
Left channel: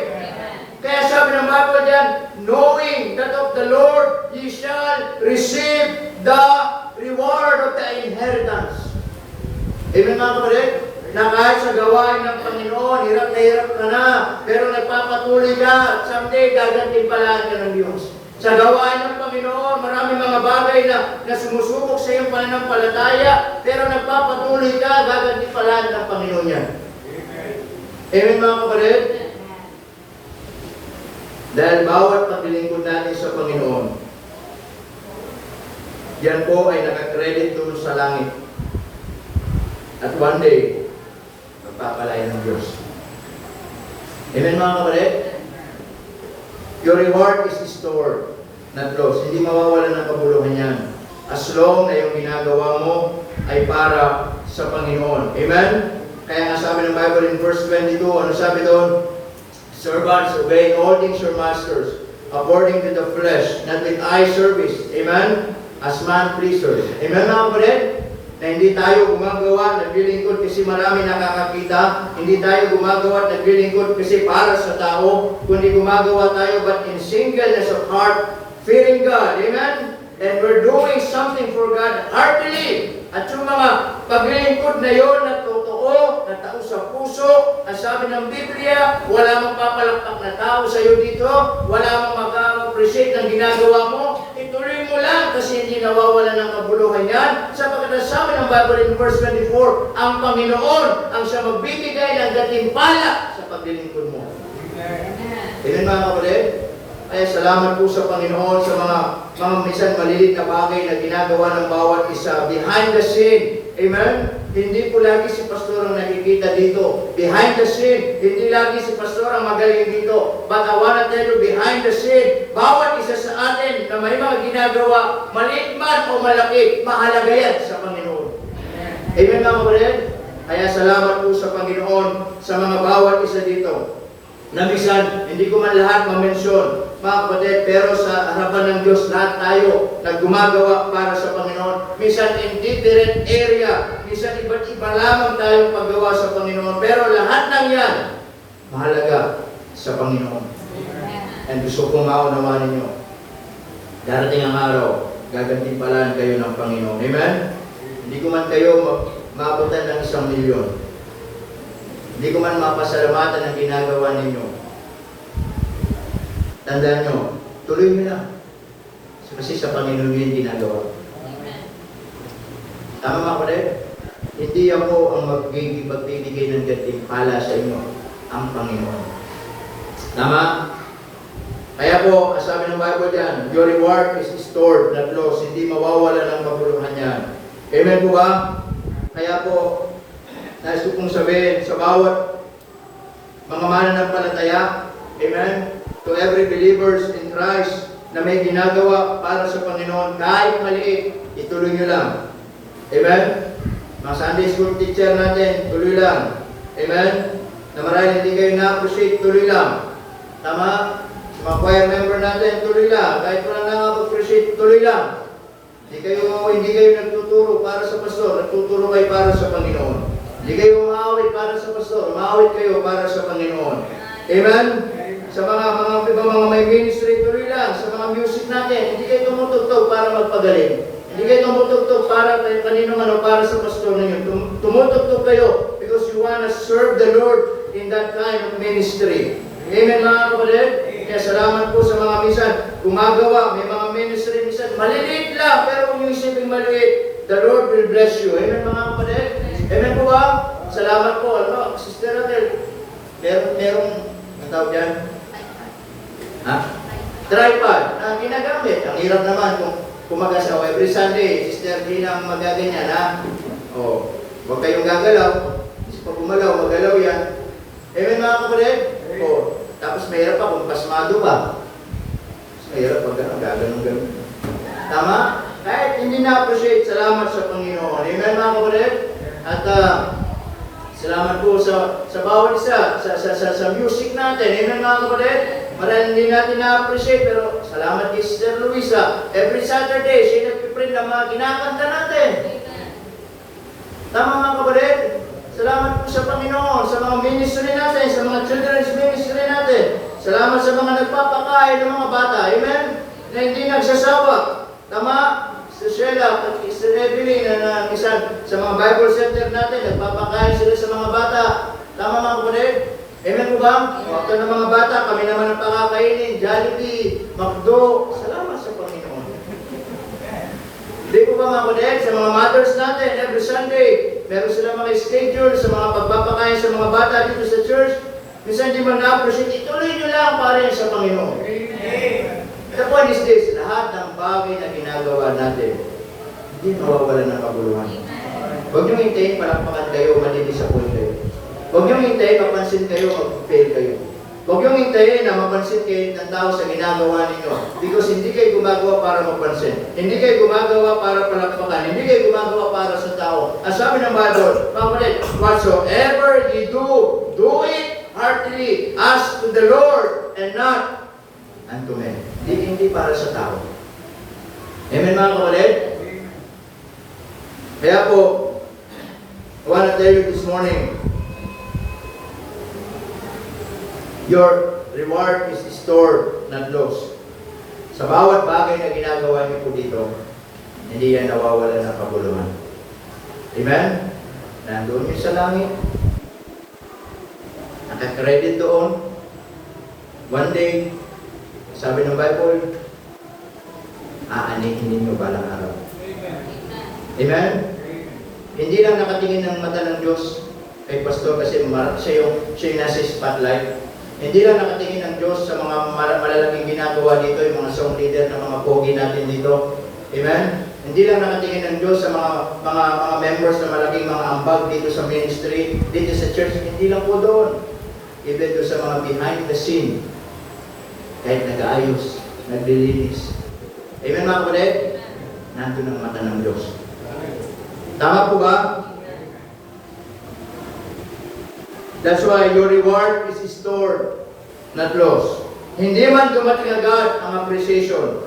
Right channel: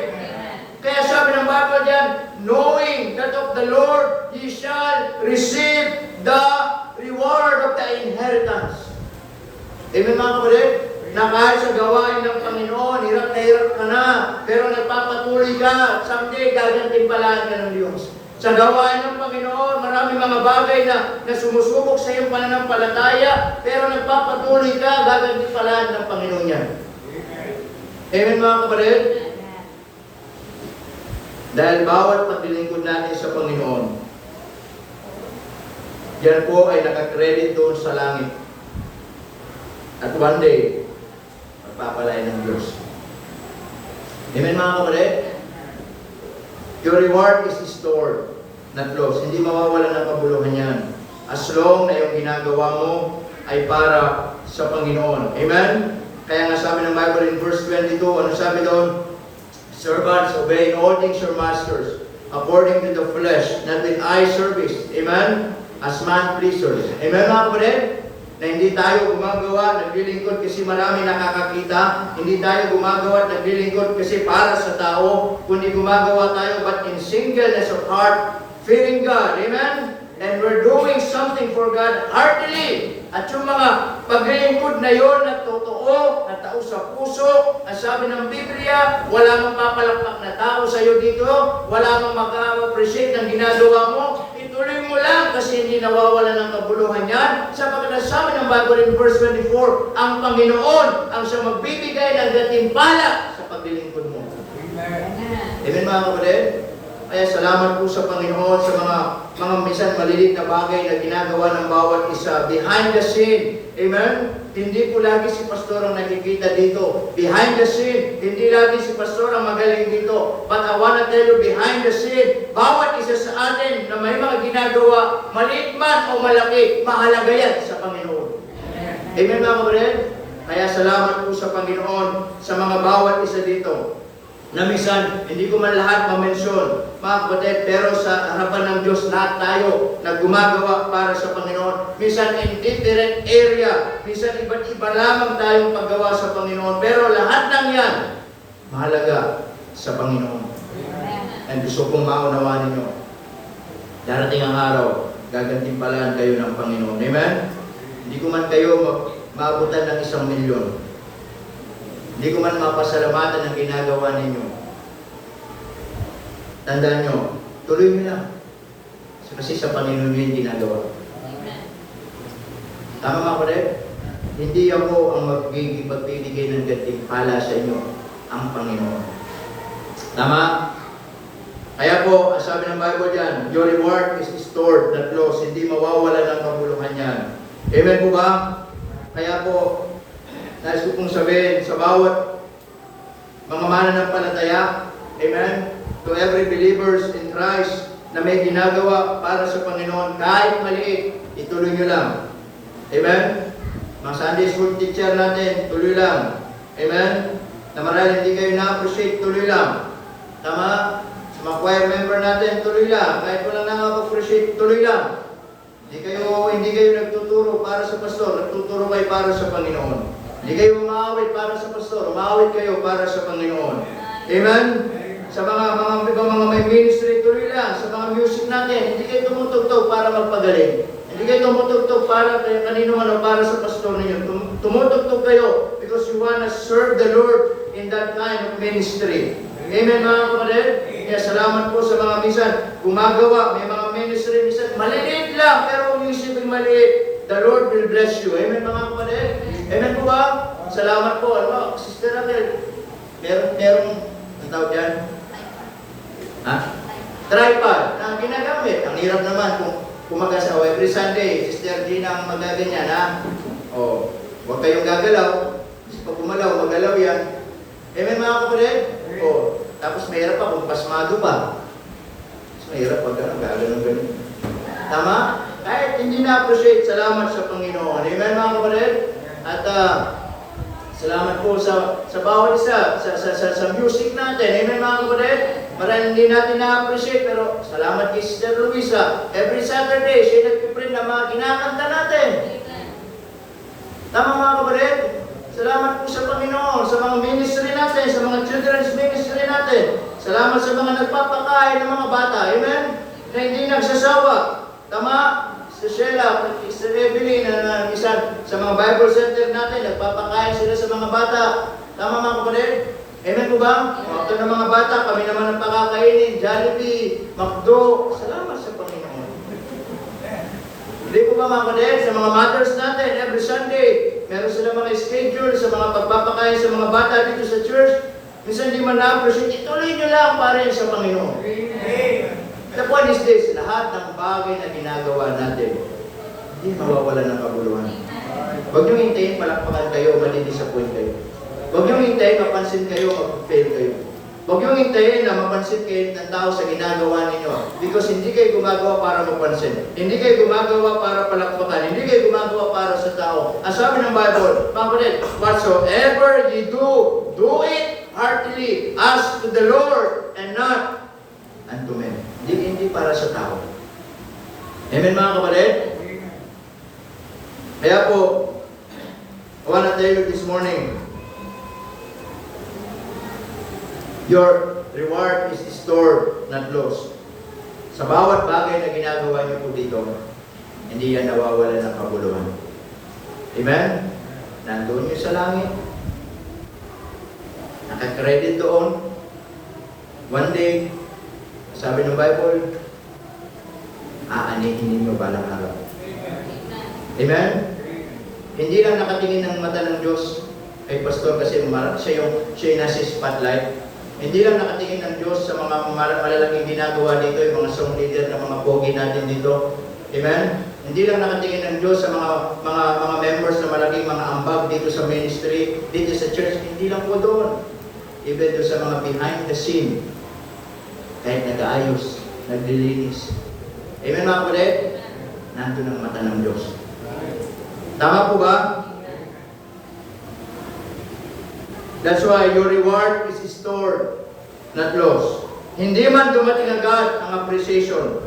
Kaya sabi ng Bible diyan, knowing that of the Lord ye shall receive the reward of the inheritance. Amen mga kapatid? Na kahit sa gawain ng Panginoon, hirap ka na, pero nagpapatuloy ka, someday gagantimpalaan ka ng Diyos. Sa gawain ng Panginoon, maraming mga bagay na sumusubok sa iyong pananampalataya, pero nagpapatuloy ka, gagantimpalaan ng Panginoon yan. Amen mga kapatid? Dahil bawat paglilingkod natin sa Panginoon, yan po ay nakakredit doon sa langit. At one day, magpapalain ng Diyos. Amen mga kapatid? Your reward is stored, not lost. Hindi mawawala ng kabuluhan yan. As long na yung ginagawa mo ay para sa Panginoon. Amen? Kaya nga sabi ng Bible in verse 22, ano sabi doon? Servants, obey all things your masters, according to the flesh, not with eye service. Amen? As man pleasers. Amen mga kapatid? Na hindi tayo gumagawa, naglilingkod kasi marami nakakakita. Hindi tayo gumagawa at naglilingkod kasi para sa tao. Kundi gumagawa tayo but in singleness of heart, fearing God. Amen? And we're doing something for God heartily. At yung mga paglilingkod na yon na totoo, totoo, na tao sa puso. Ang sabi ng Biblia, wala mang papalakpak na tao sa iyo dito, wala mang maka-appreciate ng ginagawa mo. Ituloy mo lang kasi hindi nawawala ng kabuluhan yan. Sapagkat ang sabi ng Bible in verse 24, ang Panginoon ang siya magbibigay ng gantimpala sa paglilingkod mo. Amen mga kapatid? Kaya salamat po sa Panginoon sa mga minsan malilit na bagay na ginagawa ng bawat isa. Behind the scene. Amen? Hindi po lagi si pastor ang nakikita dito. Behind the scene. Hindi lagi si pastor ang magaling dito. But I wanna tell you, behind the scene, bawat isa sa atin na may mga ginagawa, maliit man o malaki, mahalaga yan sa Panginoon. Amen mga kapatid? Kaya salamat po sa Panginoon sa mga bawat isa dito. Na minsan, hindi ko man lahat mamensyon, mga kapatid, pero sa harapan ng Diyos, lahat tayo na gumagawa para sa Panginoon. Minsan in different area, minsan iba't iba lamang tayong paggawa sa Panginoon, pero lahat ng yan, mahalaga sa Panginoon. And gusto kong maunawaan ninyo, darating ang araw, gagantimpalaan kayo ng Panginoon. Amen? Hindi ko man kayo maabutan ng 1,000,000. Hindi ko man mapasalamatan ang ginagawa ninyo. Tandaan nyo, tuloy mo na. Kasi sa Panginoon yung ginagawa. Tama mga kapatid? Hindi ako ang magbibigay ng gantimpala sa inyo, ang Panginoon. Tama? Kaya po, sabi ng Bible dyan, your reward is stored, not lost. Hindi mawawala ng kabuluhan yan. Amen po ba? Kaya po, nais ko pong sabihin sa bawat mga mananampalataya, amen, to every believers in Christ na may ginagawa para sa Panginoon, kahit maliit, ituloy nyo lang. Amen? Mga Sunday school teacher natin, tuloy lang. Amen? Na marahil hindi kayo na-appreciate, tuloy lang. Tama? Mga choir member natin, tuloy lang. Kahit wala na-appreciate, tuloy lang. Hindi kayo nagtuturo para sa pastor, nagtuturo kayo para sa Panginoon. Hindi kayo umaawit para sa pastor, umaawit kayo para sa Panginoon. Amen? Sa mga may ministry, tuloy lang. Sa mga music natin, hindi kayo tumutugtog para magpagaling. Hindi kayo tumutugtog para kanino man o para sa pastor ninyo. Tumutugtog kayo because you want to serve the Lord in that kind of ministry. Amen mga kapatid? Kaya salamat po sa mga minsan gumagawa, may mga ministry minsan maliliit lang, pero kung isipin maliit, the Lord will bless you. Amen mga kapatid? Amen po ba? Salamat po. Ano, Sister Raquel, merong ang tawag yan? Ha? Tripod. Ang ginagamit. Ang hirap naman kung mag-asawa. Every Sunday, Sister Dina ang magaganyan, ha? O, huwag kayong gagalaw. Kasi pag gumalaw, magalaw yan. Amen mga kapatid? O, tapos mahirap pa kung pasmado pa. Mas mahirap pag gano'n. Tama? Kahit hindi na-appreciate, salamat sa Panginoon. Amen mga kapatid? At salamat po sa bawat isa, sa music natin. Amen mga kapatid? Marahil hindi natin na-appreciate, pero salamat kay Sister Luisa. Every Saturday, siya nagpiprint ng mga kinakanta natin. Tama mga kapatid? Salamat po sa Panginoon, sa mga ministry natin, sa mga children's ministry natin. Salamat sa mga nagpapakain ng mga bata. Amen? Na hindi nagsasawa. Tama? Sa Sheila, sa Evelyn, na isa sa mga Bible Center natin, nagpapakain sila sa mga bata. Tama mga kapatid? Amen po ba? Ito ng mga bata, kami naman nagpakakainin, Jollibee, McDo. Salamat sa Panginoon. Hindi po ba mga kapatid? Sa mga mothers natin, every Sunday, meron sila mga schedule sa mga pagpapakain sa mga bata dito sa church. Minsan hindi man na-appreciate, ituloy nyo lang para sa Panginoon. Amen. The point is this, lahat ng bagay na ginagawa natin, hindi mawawala ng kabuluhan. Huwag nyo hintayin, palakpakan kayo, mali-disappoint kayo. Huwag nyo hintayin, mapansin kayo, mag-fail kayo. Huwag nyo hintayin na mapansin kayo ng tao sa ginagawa ninyo. Because hindi kayo gumagawa para mapansin. Hindi kayo gumagawa para palakpakan. Hindi kayo gumagawa para sa tao. Ang sabi ng Bible, whatsoever you do it heartily as to the Lord and not unto men. Hindi para sa tao. Amen mga kapatid? Kaya po, I want to tell you this morning, your reward is stored, not lost. Sa bawat bagay na ginagawa niyo po dito, hindi yan nawawala ng kabuluhan. Amen? nandoon yun sa langit. Naka-credit doon. One day, sabi ng Bible, aanihin ninyo balang araw. Amen? Hindi lang nakatingin ng mata ng Diyos kay Pastor kasi siya yung nasa spotlight. Hindi lang nakatingin ng Diyos sa mga malalaking ginagawa dito, yung mga song leader ng mga pogi natin dito. Amen? Hindi lang nakatingin ng Diyos sa mga members na malaking mga ambag dito sa ministry, dito sa church. Hindi lang po doon. Even doon sa mga behind the scene. Kahit nag-aayos, naglilinis. Amen mga kapatid? Nandun ang mata ng Diyos. Tama po ba? That's why your reward is stored, not lost. Hindi man dumating agad ang appreciation.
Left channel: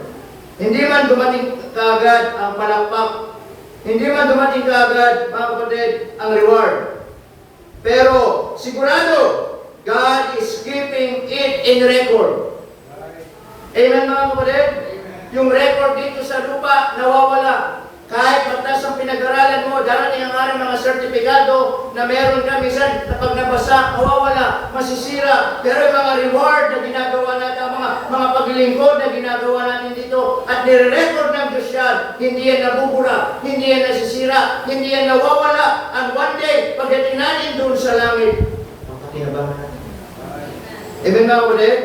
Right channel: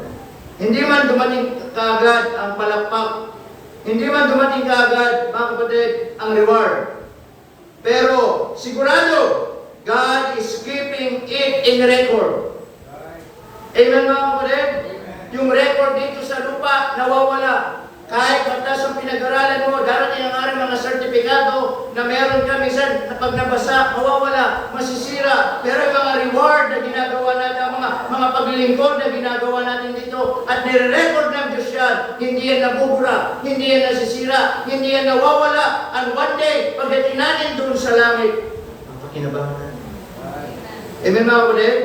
Hindi man dumating kaagad ang palakpak. Hindi man dumating kaagad, mga kapatid, ang reward. Pero, sigurado, God is keeping it in record. Amen mga kapatid? Yung record dito sa lupa, nawawala. Kahit pagtas ang pinag-aralan mo, darating ang aring mga sertifikado na meron ka minsan na pag nabasa, mawawala, masisira. Pero yung mga reward na ginagawa natin, mga paglilingkod na ginagawa natin dito, at nire-record ng Diyos yan, hindi yan nabubura, hindi yan nasisira, hindi yan nawawala. And one day, pagdating natin doon sa langit, mapakinabangan natin. Amen mga kapatid?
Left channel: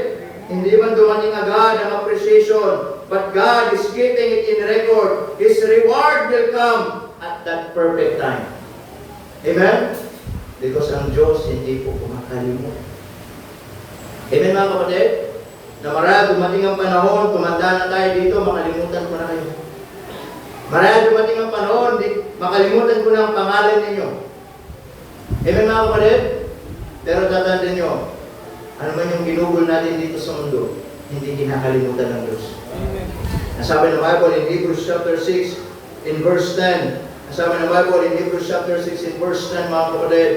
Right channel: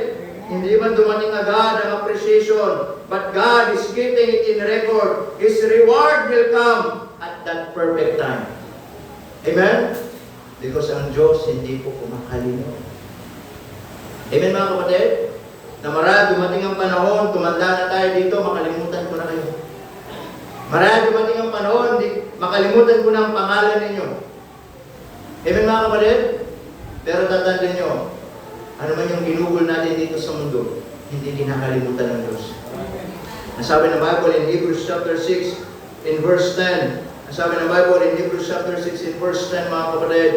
Hindi man dumating agad ang appreciation, but God is keeping it in record. His reward will come at that perfect time. Amen? Because ang Diyos hindi po kumakalimot. Amen mga kapatid? Na marahil dumating ang panahon, tumanda na tayo dito, makalimutan ko na kayo. Marahil dumating ang panahon, makalimutan ko na ang pangalan ninyo. Amen mga kapatid? Pero tatandaan nyo, ano man yung ginugol natin dito sa mundo, hindi kinakalimutan ng Diyos. Nasabi ng Bible in Hebrews chapter 6, in verse 10. Nasabi ng Bible in Hebrews chapter 6, in verse 10, mga kapatid.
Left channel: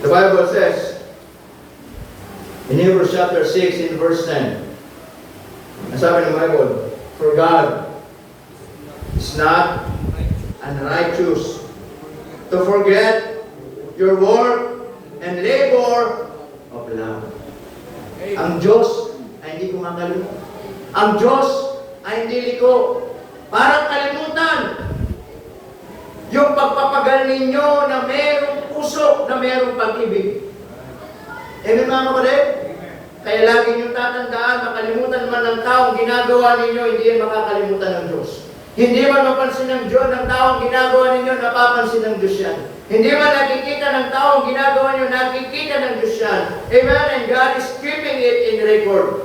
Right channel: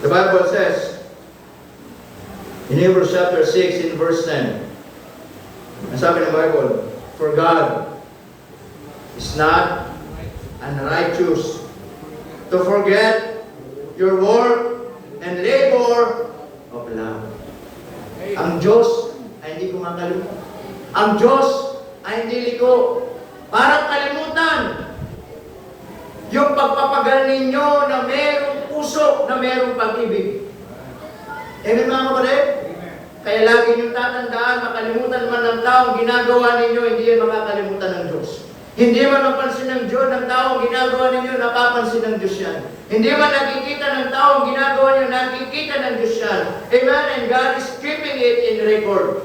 The Bible says, in Hebrews chapter 6, in verse 10, nasabi ng Bible, for God is not unrighteous to forget your work and labor of love. Ang Diyos ay hindi kumakalimutan. Ang Diyos ay hindi liko. Parang kalimutan yung pagpapagal ninyo na mayroong puso, na mayroong pag-ibig. Amen mga kapatid? Kaya lagi niyong tatandaan, makalimutan man ng tao, ginagawa ninyo, hindi yan makakalimutan ng Diyos. Hindi man mapansin ng Diyos ng tao ginagawa ninyo, napapansin ng Diyos yan. Hindi man nakikita ng tao ginagawa ninyo, nakikita ng Diyos yan. Amen? And God is keeping it in record.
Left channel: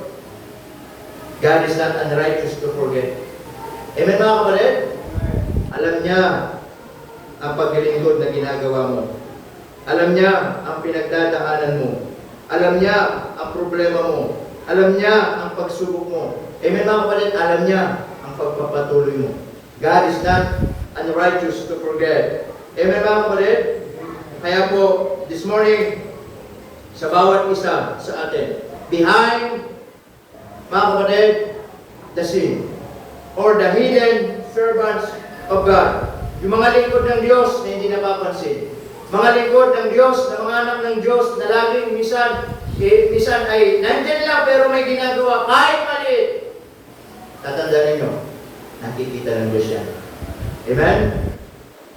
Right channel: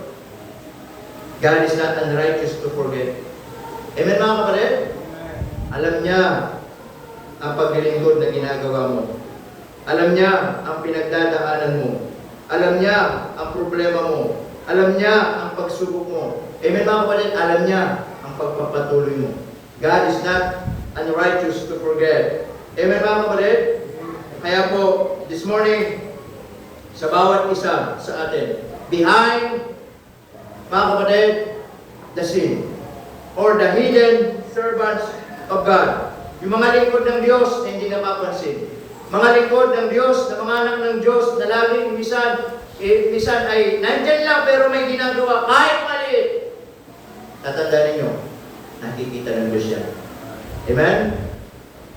God is not unrighteous to forget. Amen mga kapatid? Alam niya ang paglilingkod na ginagawa mo. Alam niya ang pinagdadaanan mo. Alam niya ang problema mo. Alam niya ang pagsubok mo. Amen mga kapatid? Alam niya ang pagpapatuloy mo. God is not unrighteous to forget. Amen ba kapatid? Kaya po, this morning, sa bawat isa sa atin, behind, mga kapatid, the scene, or the hidden servants of God. Yung mga lingkod ng Diyos na hindi napapansin. Mga lingkod ng Diyos, na mga anak ng Diyos, na laging minsan ay nandyan lang pero may ginagawa kahit maliit. Tatandaan ninyo, nakikita ng Diyos yan. Amen?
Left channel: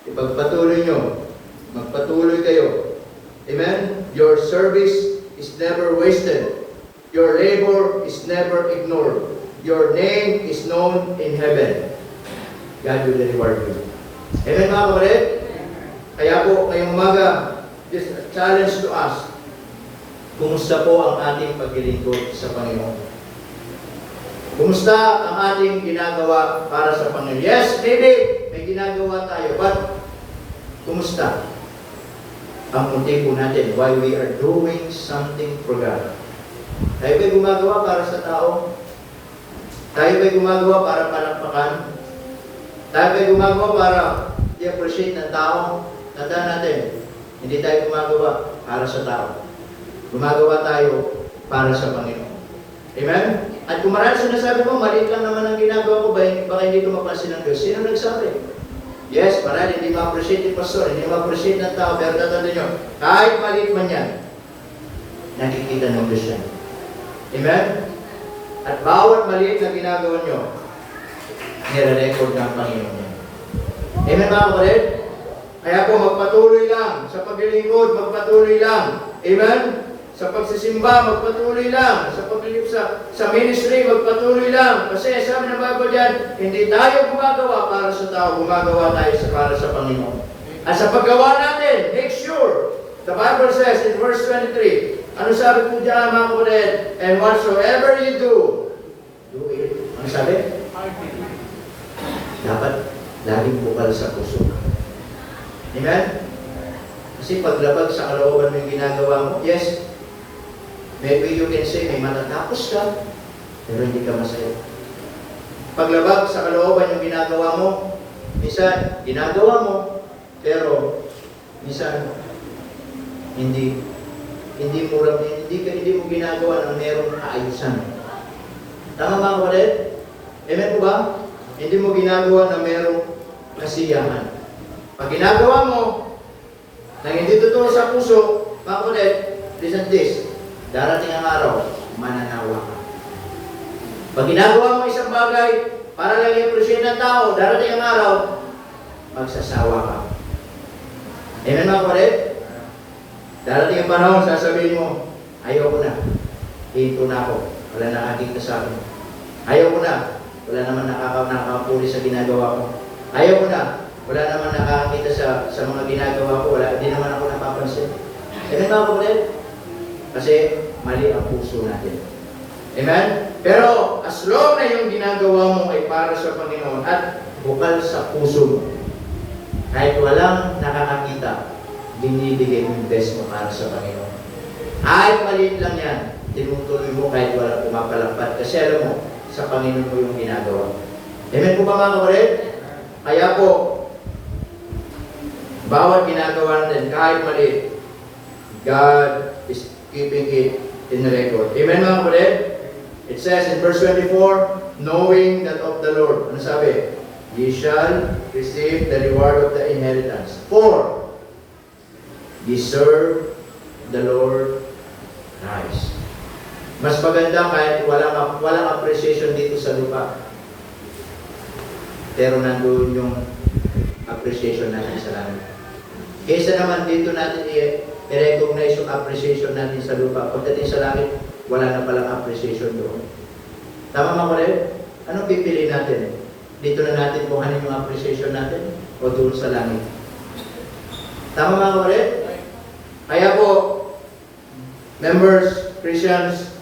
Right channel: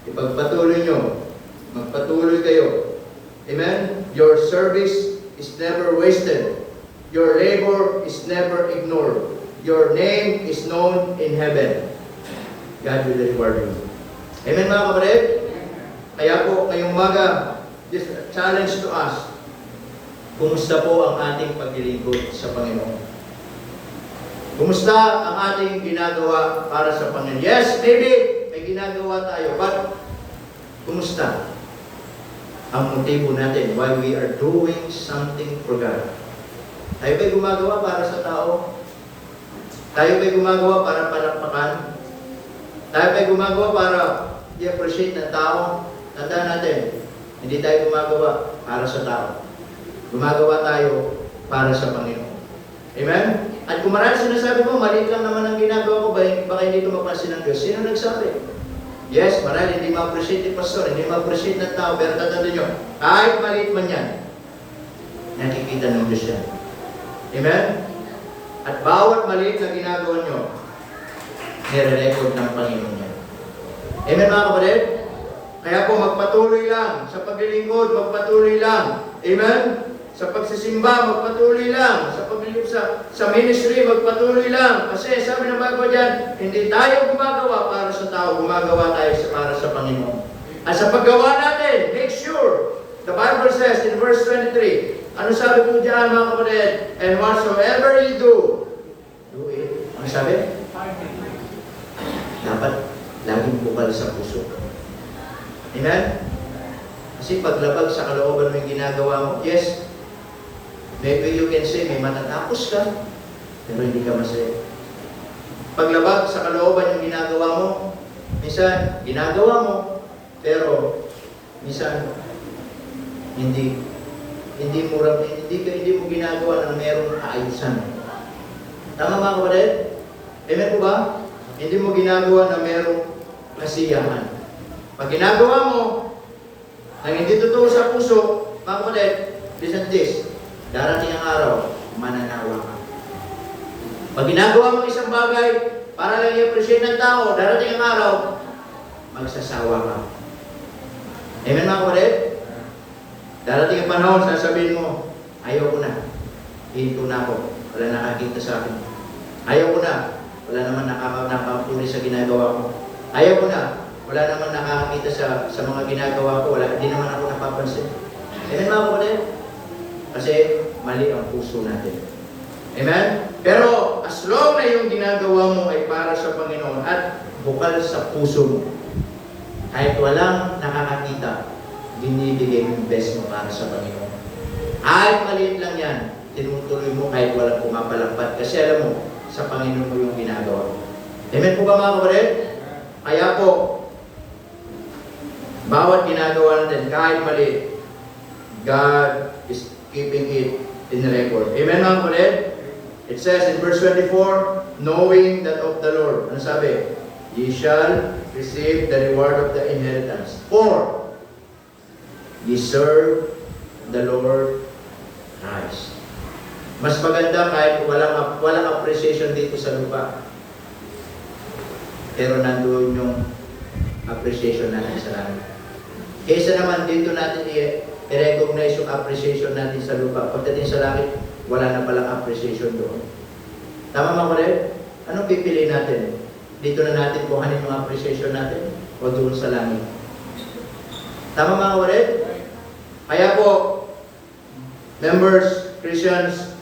Ipagpatuloy nyo. Magpatuloy kayo. Amen? Your service is never wasted. Your labor is never ignored. Your name is known in heaven. God will reward you. Amen mga kapatid? Kaya po, ngayong umaga, this challenge to us, kumusta po ang ating paglilingkod sa Panginoon? Kumusta ang ating ginagawa para sa Panginoon? Yes, maybe may ginagawa tayo, but kumusta ang motibo natin why we are doing something for God? Tayo ba'y gumagawa para sa tao? Tayo ba'y gumagawa para palakpakan? Tayo ba'y gumagawa para i-appreciate ng tao? Tandaan natin, hindi tayo gumagawa para sa tao. Gumagawa tayo para sa Panginoon. Amen? At kung marami sinasabi mo, maliit lang naman ang ginagawa ko, baka hindi ito mapansin ng Diyos. Sino nagsabi? Yes, marami hindi ma-appreciate ni pastor, hindi ma-appreciate ng tao, pero tatanda nyo, kahit maliit man yan, nakikita ng Diyos yan. Amen? At bawat maliit na ginagawa nyo, nire-record ng Panginoon yan. Amen mga kapatid? Kaya po magpatuloy lang sa paglilingkod, magpatuloy lang. Amen? Sa pagsisimba, magpatuloy lang. Sa paglilip sa ministry, magpatuloy lang. Kasi sabi ng Bible dyan, hindi tayo gumagawa para sa tao, gumagawa tayo para sa Panginoon. At sa paggawa natin, make sure, the Bible says in verse 23, ano sabi po dyan mga kapatid? And whatsoever you do it. Ano sabi? Dapat laging bukal sa puso. Amen? Kasi paglabag sa kalooban mo yung ginagawa mo, yes, maybe you can say, may matatapos ka, pero hindi ka masaya. Paglabag sa kalooban yung ginagawa mo, minsan, ginagawa mo, pero, minsan, hindi mo ginagawa ng mayroong kaayusan. Tama mga kapatid? Amen po ba? Hindi mo ginagawa na mayroong kasiyahan. Pag ginagawa mo, nang hindi totoo sa puso, mga kapatid, listen this, darating ang araw, mananawa ka. Pag ginagawa mo isang bagay, para lang i-appreciate ng tao, darating ang araw, magsasawa ka. Amen mga kapatid? Darating ang panahon, sasabihin mo, ayaw ko na. Hinto na ako. Wala nakakita sa akin. Ayaw ko na. Wala naman nakakapuli sa ginagawa ko. Ayaw ko na. Wala naman nakakita sa mga ginagawa ko. Hindi naman ako napapansin. Amen mga kapatid? Kasi mali ang puso natin. Amen? Pero as long na yung ginagawa mo ay para sa Panginoon at bukal sa puso mo, kahit walang nakakakita, binibigay mo yung best mo para sa Panginoon. Kahit maliit lang yan, tinutuloy mo kahit walang pumapalakpat. Kasi alam mo, sa Panginoon mo yung ginagawa. Amen po ba mga kapatid? Kaya po, bawat ginagawa natin, kahit maliit, God is keeping it in record. Amen mga kapatid? It says in verse 24, knowing that of the Lord, ano sabi? Ye shall receive the reward of the inheritance. For ye serve the Lord Christ. Mas maganda kahit walang appreciation dito sa lupa. Pero nandoon yung appreciation natin sa langit. Kaysa naman dito natin i-recognize yung appreciation natin sa lupa. Pagdating sa langit, wala na palang appreciation doon. Tama mga kapatid? Anong pipili natin? Dito na natin kuhanin yung appreciation natin, o doon sa langit. Tama mga kapatid? Kaya po, members, Christians,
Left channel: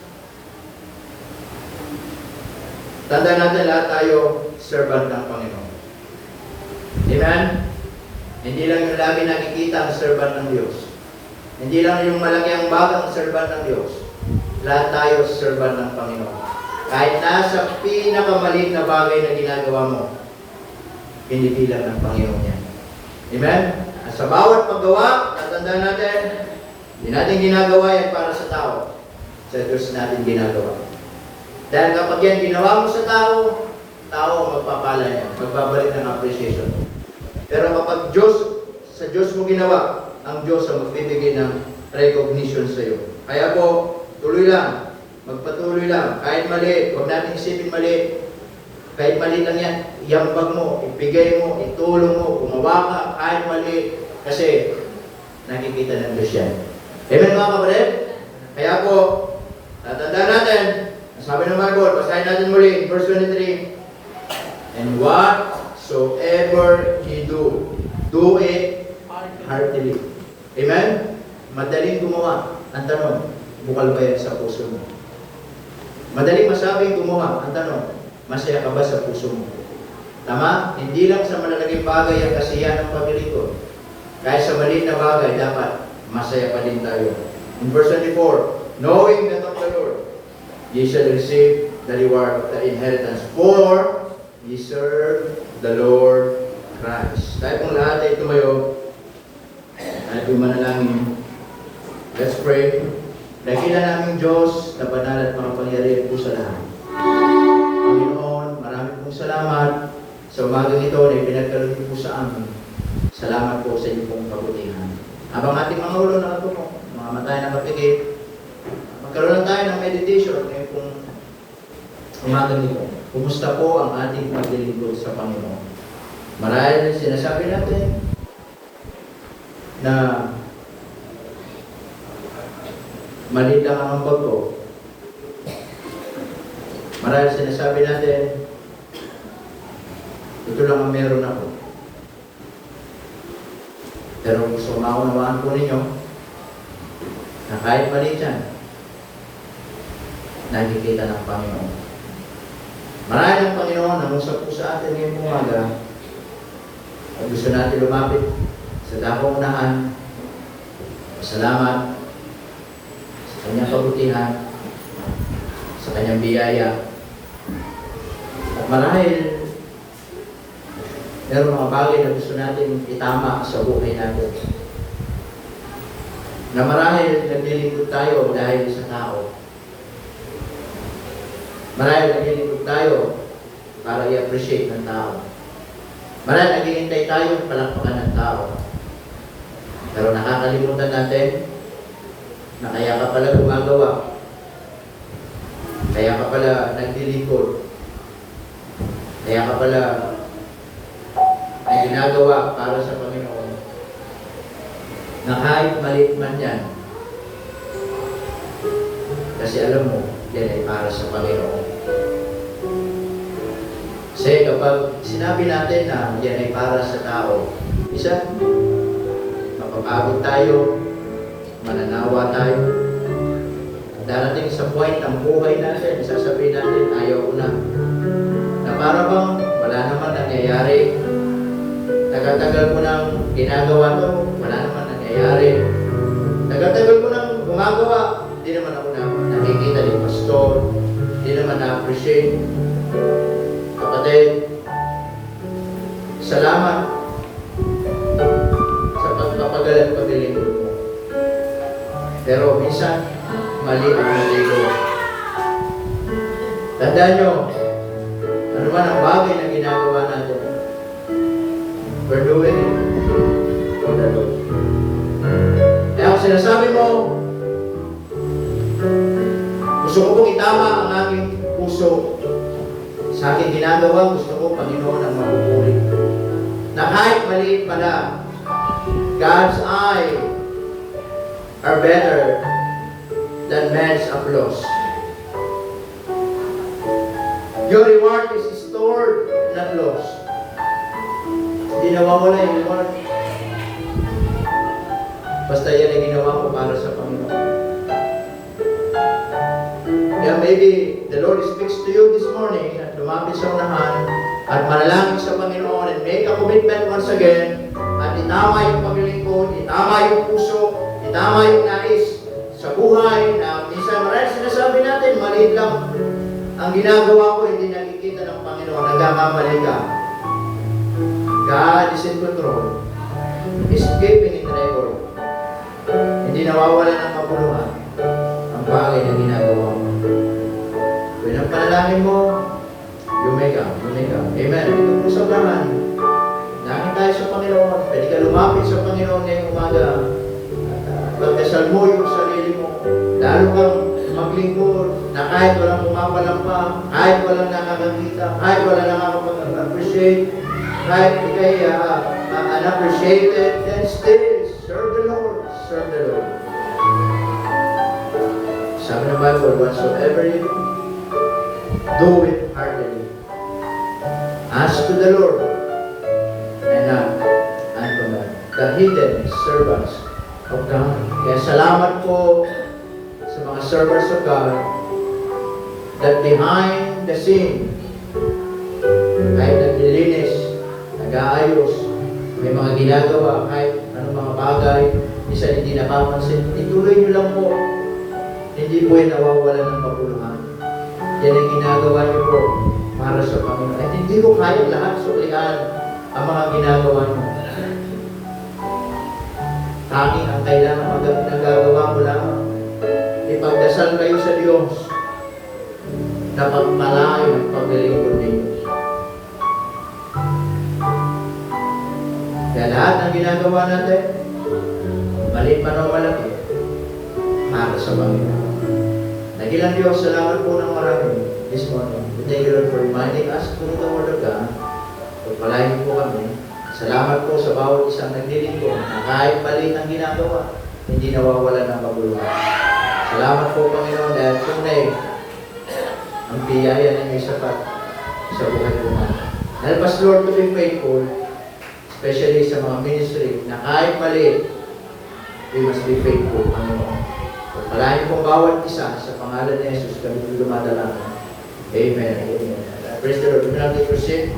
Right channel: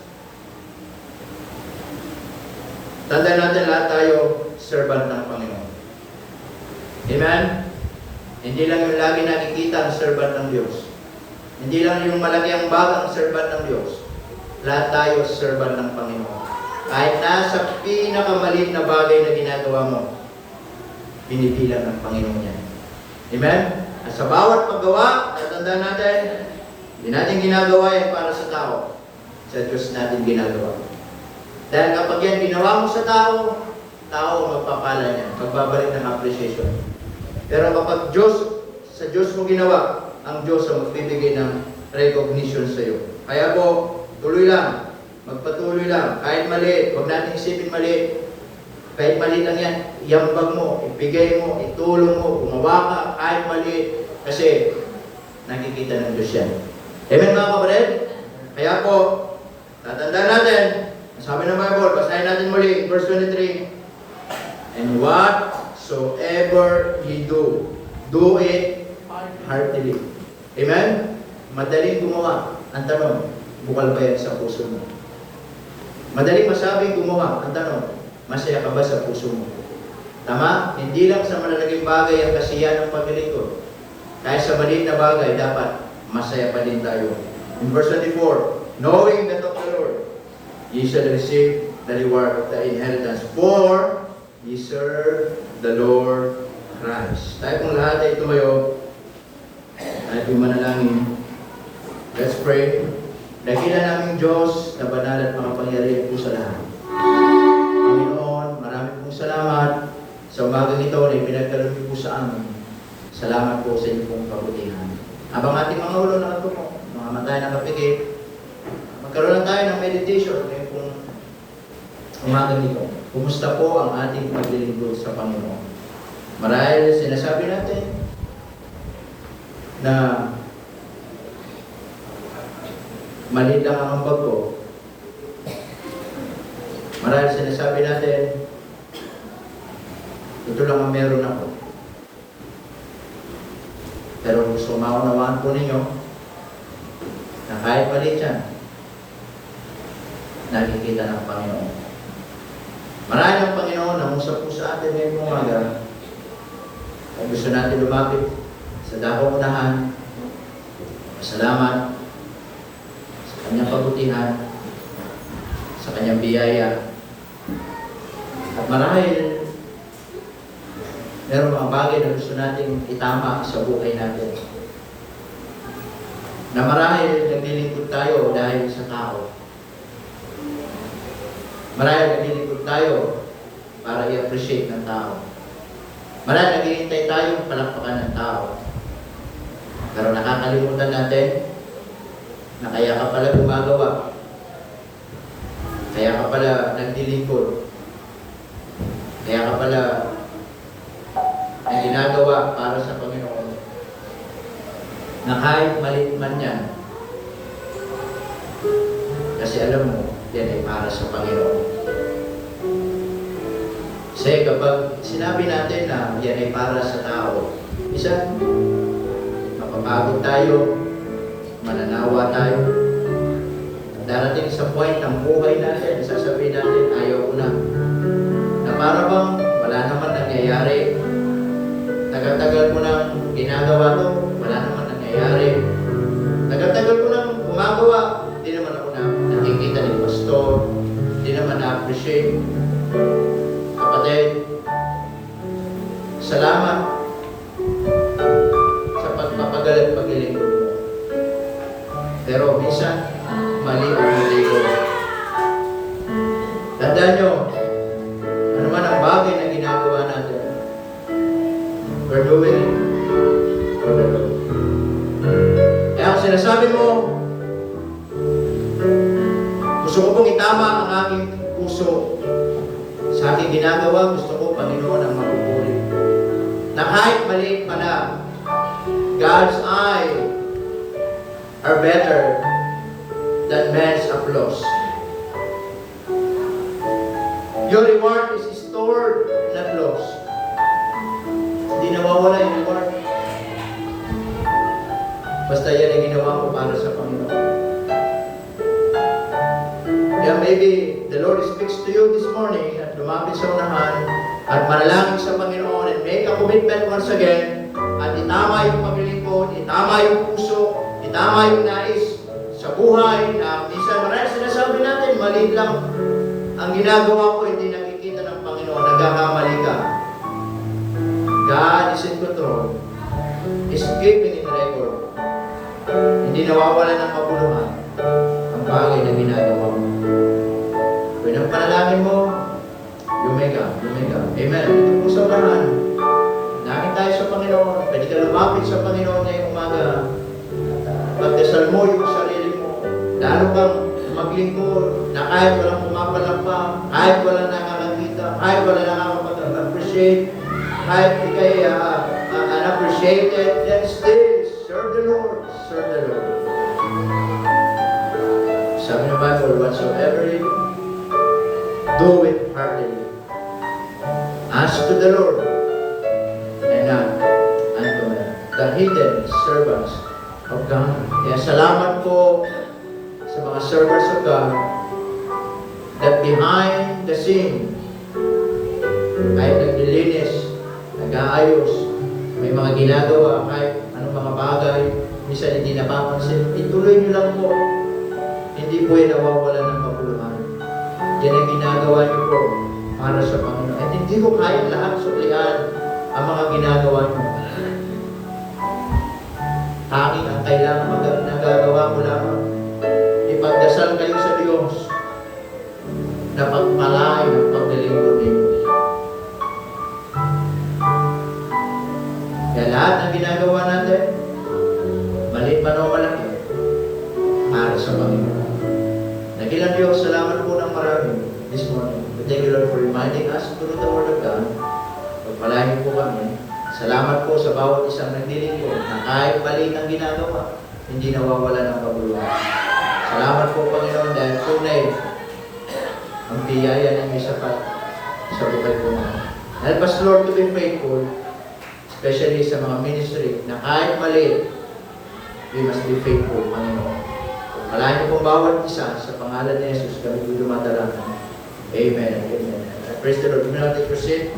tanda natin lahat tayo servant ng Panginoon. Amen? Hindi lang yung lagi nakikita ang servant ng Diyos. Hindi lang yung malaki ang bagang servant ng Diyos. Lahat tayo servant ng Panginoon. Kahit nasa pinakamaliit na bagay na ginagawa mo, pinipilan ng Panginoon yan. Amen? At sa bawat paggawa, tatandaan natin, hindi natin ginagawa yan para sa tao. Sa Diyos natin ginagawa. Dahil kapag yan ginawa mo sa tao, tao ang magpapala yan. Magbabalik ng appreciation. Pero kapag sa Diyos mo ginawa, ang Diyos ang magbibigay ng recognition sa iyo. Kaya po, tuloy lang. Magpatuloy lang. Kahit maliit, huwag natin isipin maliit. Kahit maliit lang yan, iambag mo, ibigay mo, itulong mo, gumawa ka, kahit maliit. Kasi, nakikita ng Diyos yan. Amen mga kapatid? Kaya po, tatandaan natin, sabi ng Bible, basahin natin muli, verse 23, and whatsoever ye do it heartily. Amen? Madaling gumawa. Ang tanong, bukal ba yan sa puso mo? Madaling masabing gumawa. Ang tanong, masaya ka ba sa puso mo? Tama? Hindi lang sa malalaging bagay ang kasiyahan ng paglilingkod. Kahit sa maliit na bagay, dapat masaya pa din tayo. In verse 24, knowing that of the Lord, ye shall receive the reward of the inheritance, for ye serve the Lord Christ. Tayo kung lahat ay tumayo, at yung manalangin, let's pray. Dakilan naming Diyos na banal at makapangyarihan po sa lahat. Panginoon, marami pong salamat sa umagang ito na ipinagkaroon niyo po sa amin. Salamat po sa inyong pong kabutihan. Habang ating mga ulo na po, mga mata na kapigay, magkaroon lang tayo ng meditation ngayon pong umagang ito. Kumusta po ang ating paglilingkod sa Panginoon? Marahil sinasabi natin na maliit lang ang ambag ko. Marahil sinasabi natin, ito lang ang meron ako. Pero gusto maunawaan po ninyo na kahit maliit yan, nakikita ng Panginoon. Marahil ang Panginoon na usap po sa atin ngayong umaga. At gusto natin lumapit sa dakong unahan. Salamat sa kanyang pabutihan, sa kanyang biyaya. At marahil meron mga bagay na gusto natin itama sa buhay natin. Na marahil naglilingkod tayo dahil sa tao. Marahil naglilingkod tayo para i-appreciate ng tao. Marahil naghihintay tayo palakpakan ng tao. Pero nakakalimutan natin na kaya ka pala gumagawa. Kaya ka pala naglilingkod. Kaya ka pala ay ginagawa para sa Panginoon. Na kahit maliit man yan, kasi alam mo, yan ay para sa Panginoon. Kasi kapag sinabi natin na yan ay para sa tao, isa, mapapagod tayo, mananawa tayo, darating sa point ng buhay natin, sasabihin natin, ayaw ko na. Na para bang wala naman nangyayari. Tagal-tagal ko nang ginagawa to, wala naman nangyayari. Tagal-tagal ko nang gumagawa, di naman ako nakikita ni pastor, di naman na-appreciate. Kapatid, salamat sa pagpapagal at paglilingkod mo. Pero minsan, mali ang naligo. Tandaan nyo, ano man ang bagay na ginagawa natin, we're doing it for the Lord. Kaya kung sinasabi mo, gusto ko pong itama ang aking puso sa aking ginagawa, gusto ko, Panginoon, ang mapupuri. Na kahit maliit pala, God's eye are better than man's applause. Your reward is stored, not lost. Hindi nawawala yung reward. Basta yan ang ginawa ko para sa Panginoon. Yeah, maybe the Lord speaks to you this morning at lumapit sa unahan at manalangin sa Panginoon and make a commitment once again at itama yung paglilingkod, itama yung puso, itama yung nais sa buhay na minsan marahil sinasabi natin, maliit lang ang ginagawa ko, hindi nakikita ng Panginoon, nagkakamali ka. God is in control. He's keeping in record. Hindi nawawala ng kapuluhan ang bagay na ginagawa mo. Kung ang panalangin mo, lumega. Amen. Ito po sa unahan. Langin tayo sa Panginoon. Pwede ka lumapit sa Panginoon ngayong umaga. Pagdasal mo yung sarili mo. Lalo kang maglingkod na kahit walang pumapalampa, kahit walang nakakakita, kahit walang nakakapag-appreciate, kahit ikay unappreciated, then still serve the Lord. Serve the Lord. Sabi ng Bible, whatsoever you do it heartily. Ask to the Lord and not unto men. The hidden servants of God. Kaya salamat po sa mga servants of God that behind the scene kahit naglilinis, nag-aayos, may mga ginagawa, kahit anong mga bagay, minsan hindi nakapansin, ituloy nyo lang po. Hindi po yung nawawala ng kapuluhan. Yan ang ginagawa niyo po para sa Panginoon. At hindi ko kahit lahat suklian ang mga ginagawa niyo. Tanging ang kailangan nagagawa mo lamang. If na pagpalain at paglilingkod ninyo. Kaya lahat ng ginagawa natin, maliit pa o malaki, para sa Panginoon. Nagilang Diyos, salamat po ng marami this morning. Thank you Lord for reminding us through the Word of God. Pagpalain po kami. Salamat po sa bawat isang naglilingkod na kahit mali ang ginagawa, hindi nawawala ng paguluhan. Salamat po Panginoon dahil tunay ang biyaya na may sapat sa buhay po namin. Help us Lord to be faithful, especially sa mga ministry na kahit mali, we must be faithful, Panginoon. Pagpalain po bawat isa sa pangalan ni Jesus kami dumadalangin. Amen. Amen. Praise the Lord. Do not take your seat.